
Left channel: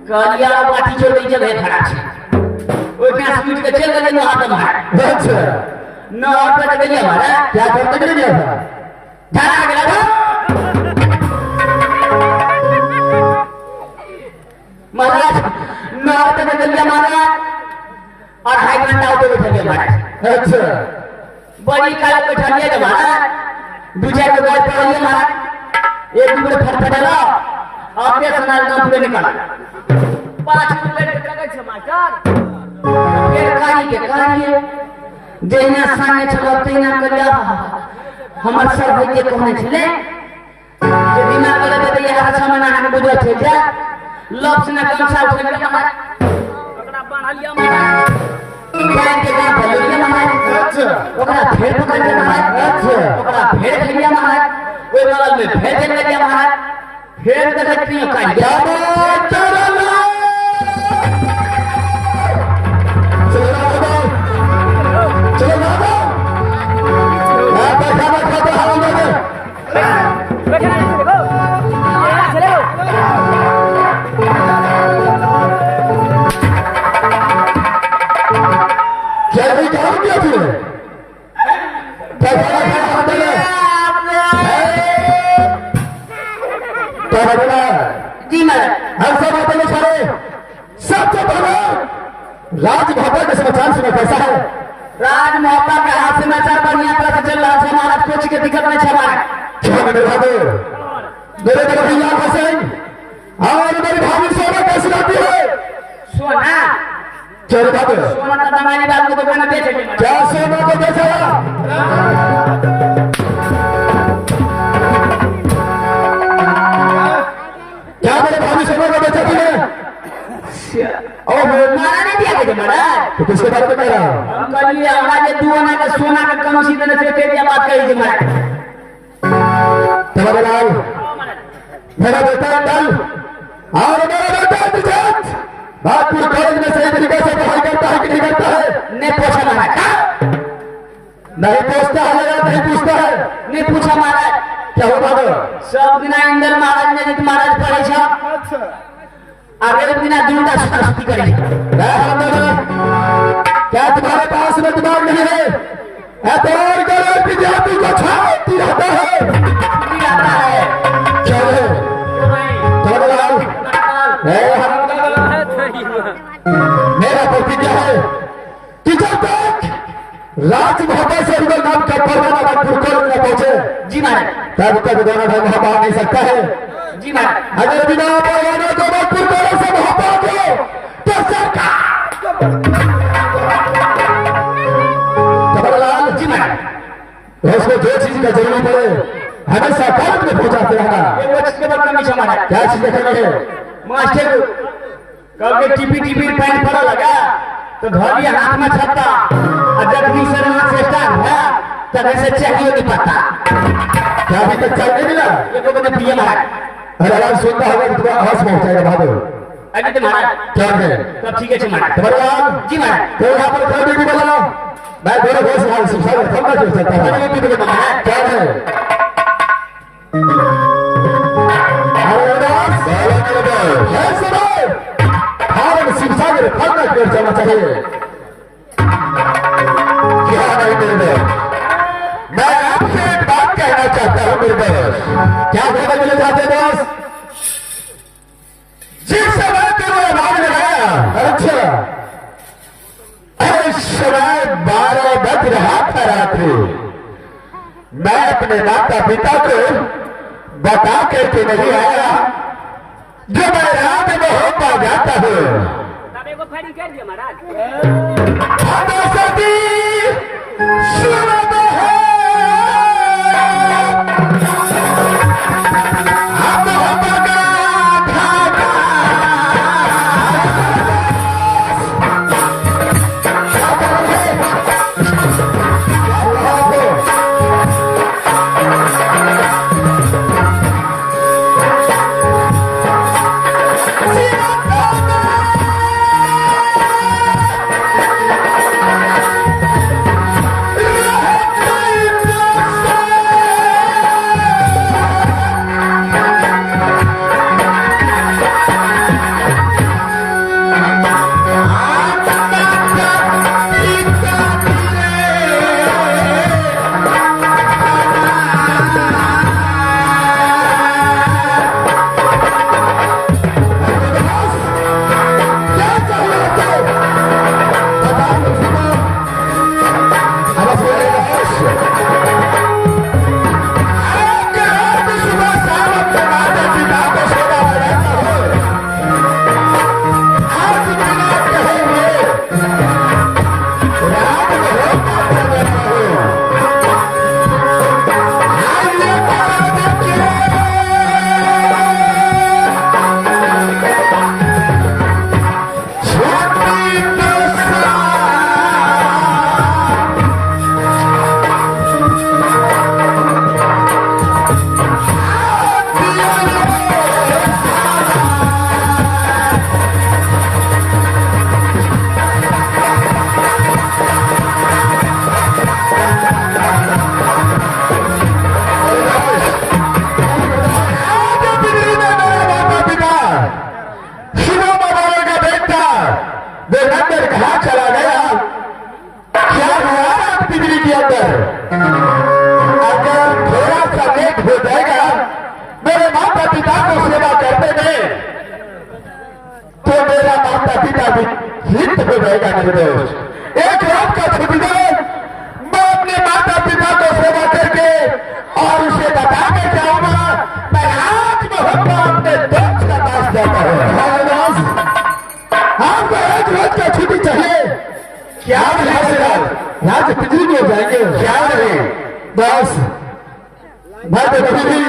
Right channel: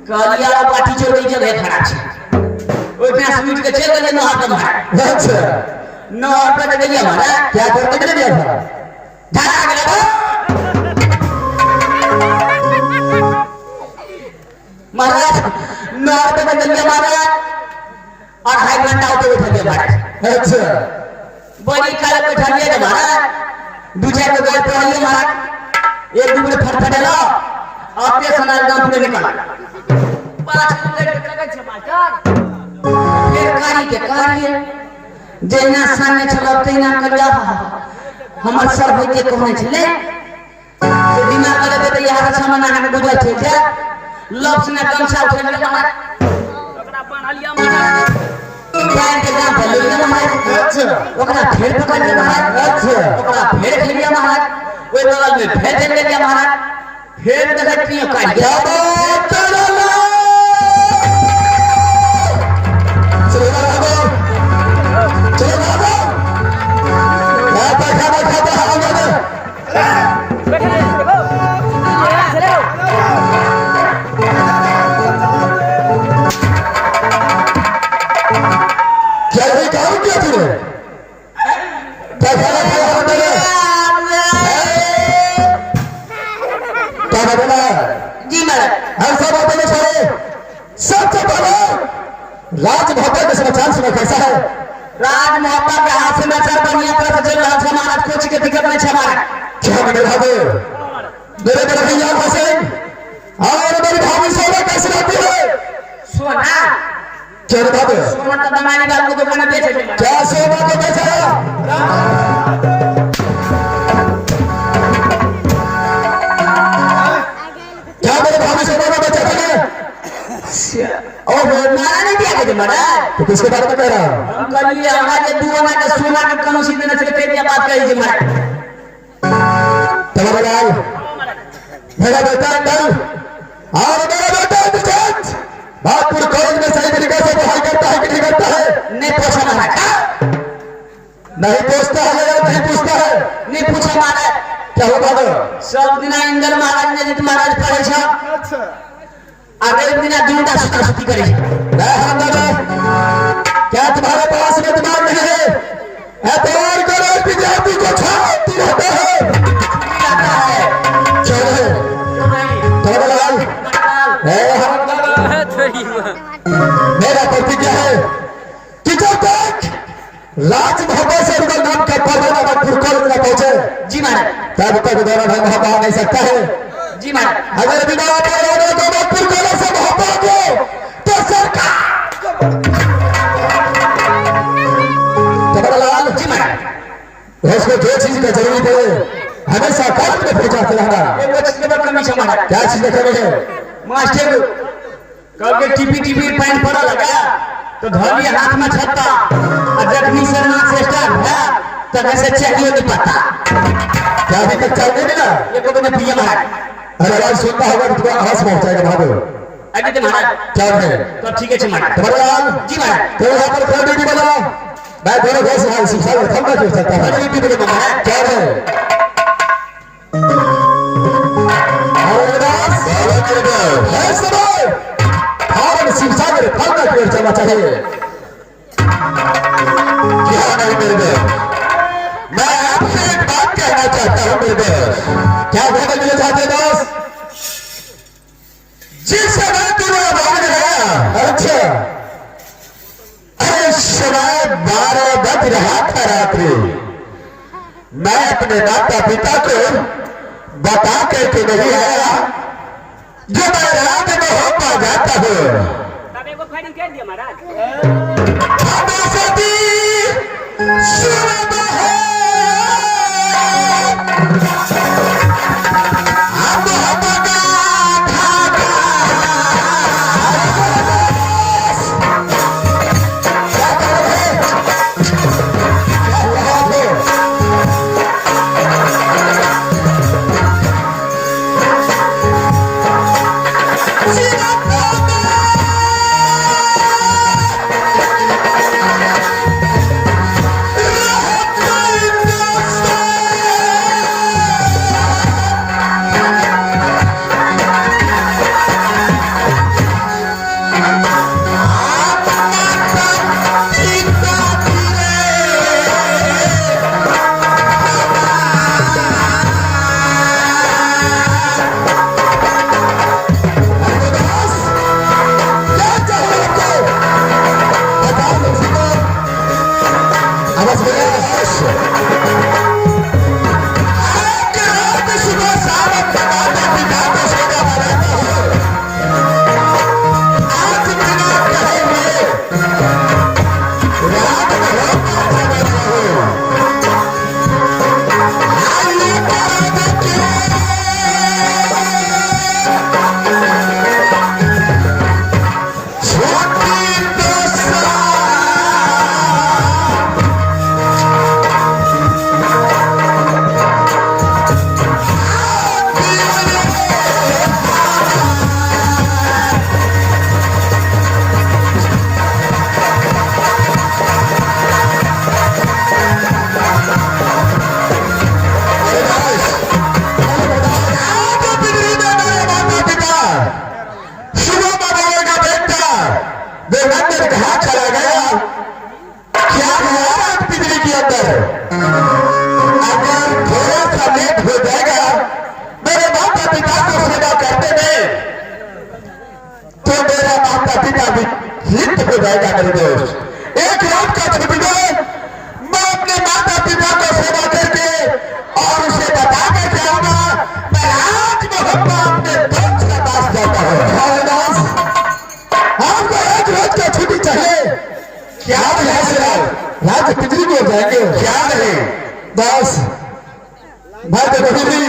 कलिया पाटी चोर के जगह खड़ा छे ओई पे स्वीट के चल गले हाथ में अच्छा न ऑटो के गया हमारा क्या करते थे ये झाड़ा गया महाराज न ऑटो के गया हमारा और हाई घंटा ऑटो बैठा गया महाराज अच्छा बड़ी काला बैठा गया महाराज दूसरे को गाय पे लिया महाराज एक दूसरे फटफटाला आपके सनाल गांव में निकाला 5 मिनट लगे छे मास्टर फिर कार्य जेना सामने चलते ना करिया हमर सर होते कहने छले जे बिना करे त यार सामने आके बुझे छे जा लफ्ज ने गमछा उठा लिया हमारा ओकरा बांध लिया हमारा बांध के काम कर लिया हमारा अच्छा ओकरा फेर पकड़ लिया हमारा अच्छा ओकरा फेर कर लिया हमारा ओई बगल में फेर कर लिया हमारा फेर देख क्यों कर क्या दिया बात कर रहा चलो बाबा मैं बैठा बैठा तो हवा में क्या ये काम किया तूने बैठा बैठा हवा में क्या बोला जी मैडम हम सब बोलो सारे सबसे पहले राजभवन के समाचार सुना कैसा है राज मोहब्बत का हाथ समाचार बढ़िया तरह से चल रहा है हमारा कुछ के दिक्कत नहीं है हमारा क्या मेरे भाभी मेरे भैया हसन और मेरी भाभी सोना कैसी लगती है सोना क्या रे बाबू सोना का दमानी बात को दुकान बेचे क्या सोना को बेचा क्या मेरे भाभी सोना को बेचा तूने ओ मारा नहीं दिया के महाराज तो किसके बारे में कह रहा है हम कल ये हमारे दुआना का सोना का कम सीधे न चलते क्या बात कही जी महाराज तुम्हारा लाल मेरा बेटा अंदर और मेरा बेटा विजत नागपुर कॉलेज में सही तरीके से पढ़ाई करता है कि नहीं करता है ने पूछा महाराज नहीं पूछता है नहीं पूछता है ने पूछा महाराज क्या होगा सब दिन इंदर महाराज ने जीत महाराज पढ़े छ अच्छा अगले दिन जुंडा सुस्ती करे क्या तुम्हारे पास में दिमाग नहीं है एतवार करो विद्यार्थी को छाती रहता है क्या है तुम्हारा लाल मेरा प्रतिज्ञा है कि जब तक राजभवन से रुगल नाम का परवाना नागपुर कॉलेज में पहुंचे जी महाराज तब तक दोनों ढंग वहां पा नहीं सकता है जी महाराज अगर बिना परवाना को नागपुर कॉलेज से वहां पा गए तो सरकार तुम्हारा लाल जी महाराज उसको जो चीज का जरूरत है हमेशा काम में पहुंचाते रहना एक बच्चे के बच्चे में महाराज क्या चीज देखने है मास्टर कल के टीपी पैंट पड़ा लगा तो धोली हाथ में छत्ता और जखनी से नाक से स्टार्ट है तब ऐसे चाहिए कि पता क्या अभी तक चाय नहीं मिला ये को ने पिया महाराज अरे आवाज सुनता होगा तो तुम्हारा हंस पहुंच जाएगा बाबू अभी तो महाराज क्या है तो ठीक है महाराज तुम्हारा लाल जी महाराज तो यहाँ पर क्या ड्यूटी बनाओ मैं दोनों बहुत सवाल शिक्षा में थमना क्यों सकता है अरे ड्यूटी बोलो महाराज क्या है शिक्षा में फलना क्यों चलना चाहिए क्या नहीं मेरे में मैं आपसे एक बात कहना चाहता हूं मेरे में क्या बोलना मुझे चाहते दोस्त जिस समय तुम्हें मार लगाया अच्छा अरे समय 12 बज रहा था रात्रि मैं अपने माता पिता को बता करके नहीं आया जो मैं रात में हो पा जाता हूँ तब एगो फायरिंग कर दिया महाराज सती सुनता है दास मैं तो कभी भी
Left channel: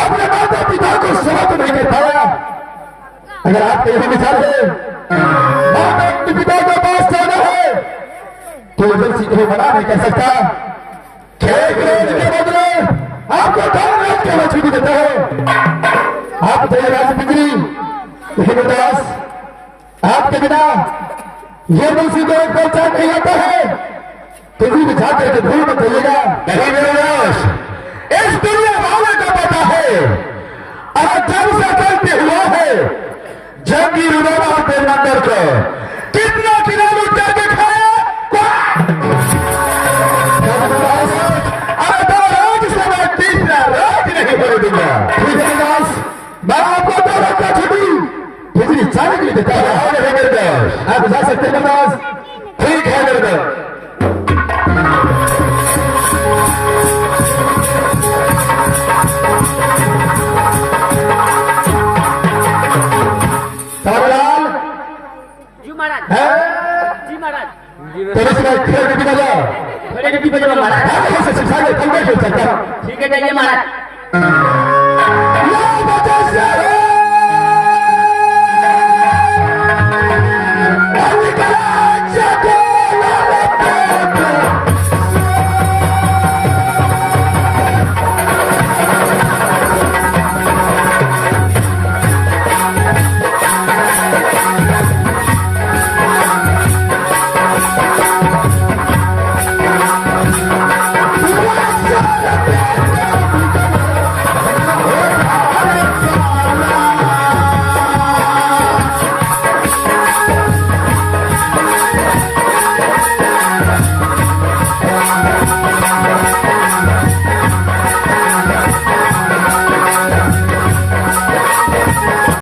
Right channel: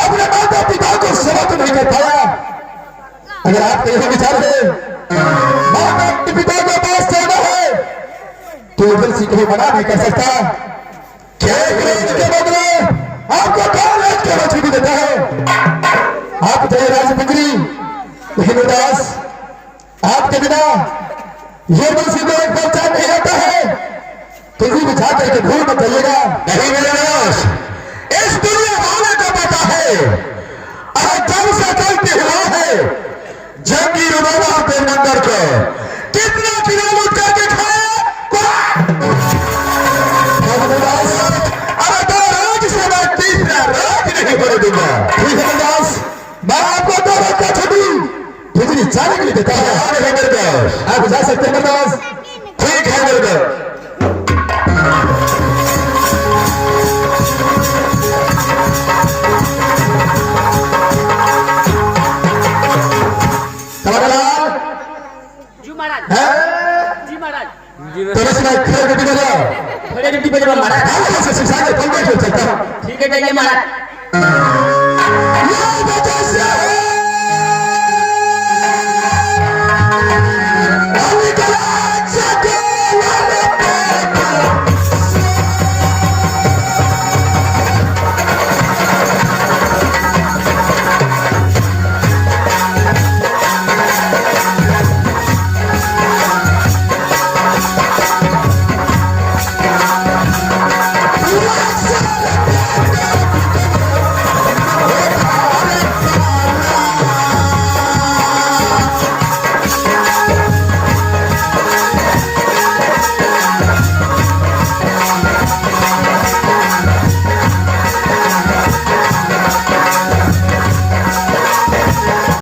अपने माता पिता को सेवा तो नहीं कर पाया। अगर आपके यही विचार है माता पिता के पास जाना है तो दिल सीखने मना नहीं कर सकता। क्या विरोध के बदले आपको कौन राज के छुट्टी देता है? आप तो राज बिगड़ी लेकिन दास आपके बिना ये दूसरी को एक बच्चा नहीं आता है। किसी भी छात्र के भूल मत करिएगा। नहीं मेरे दास, इस दुनिया वाले को पता है और जब से चलते हुआ है जंगी रुबाबा के मंदिर को कितना किलोमीटर जाके खाया। अरे दो रोज से मैं तीसरा रोज नहीं बोल दूंगा। ठीक है दास, मैं आपको 2 रोज का छुट्टी बिजली चालू नहीं देता है। आप जा सकते हैं दास। ठीक है मेरे दास। जी महाराज तेरे से खड़े रोटी बजा बड़े रोटी बजा महाराज ऐसे सिखा के कल बैठ चलता। ठीक है जाइए महाराज।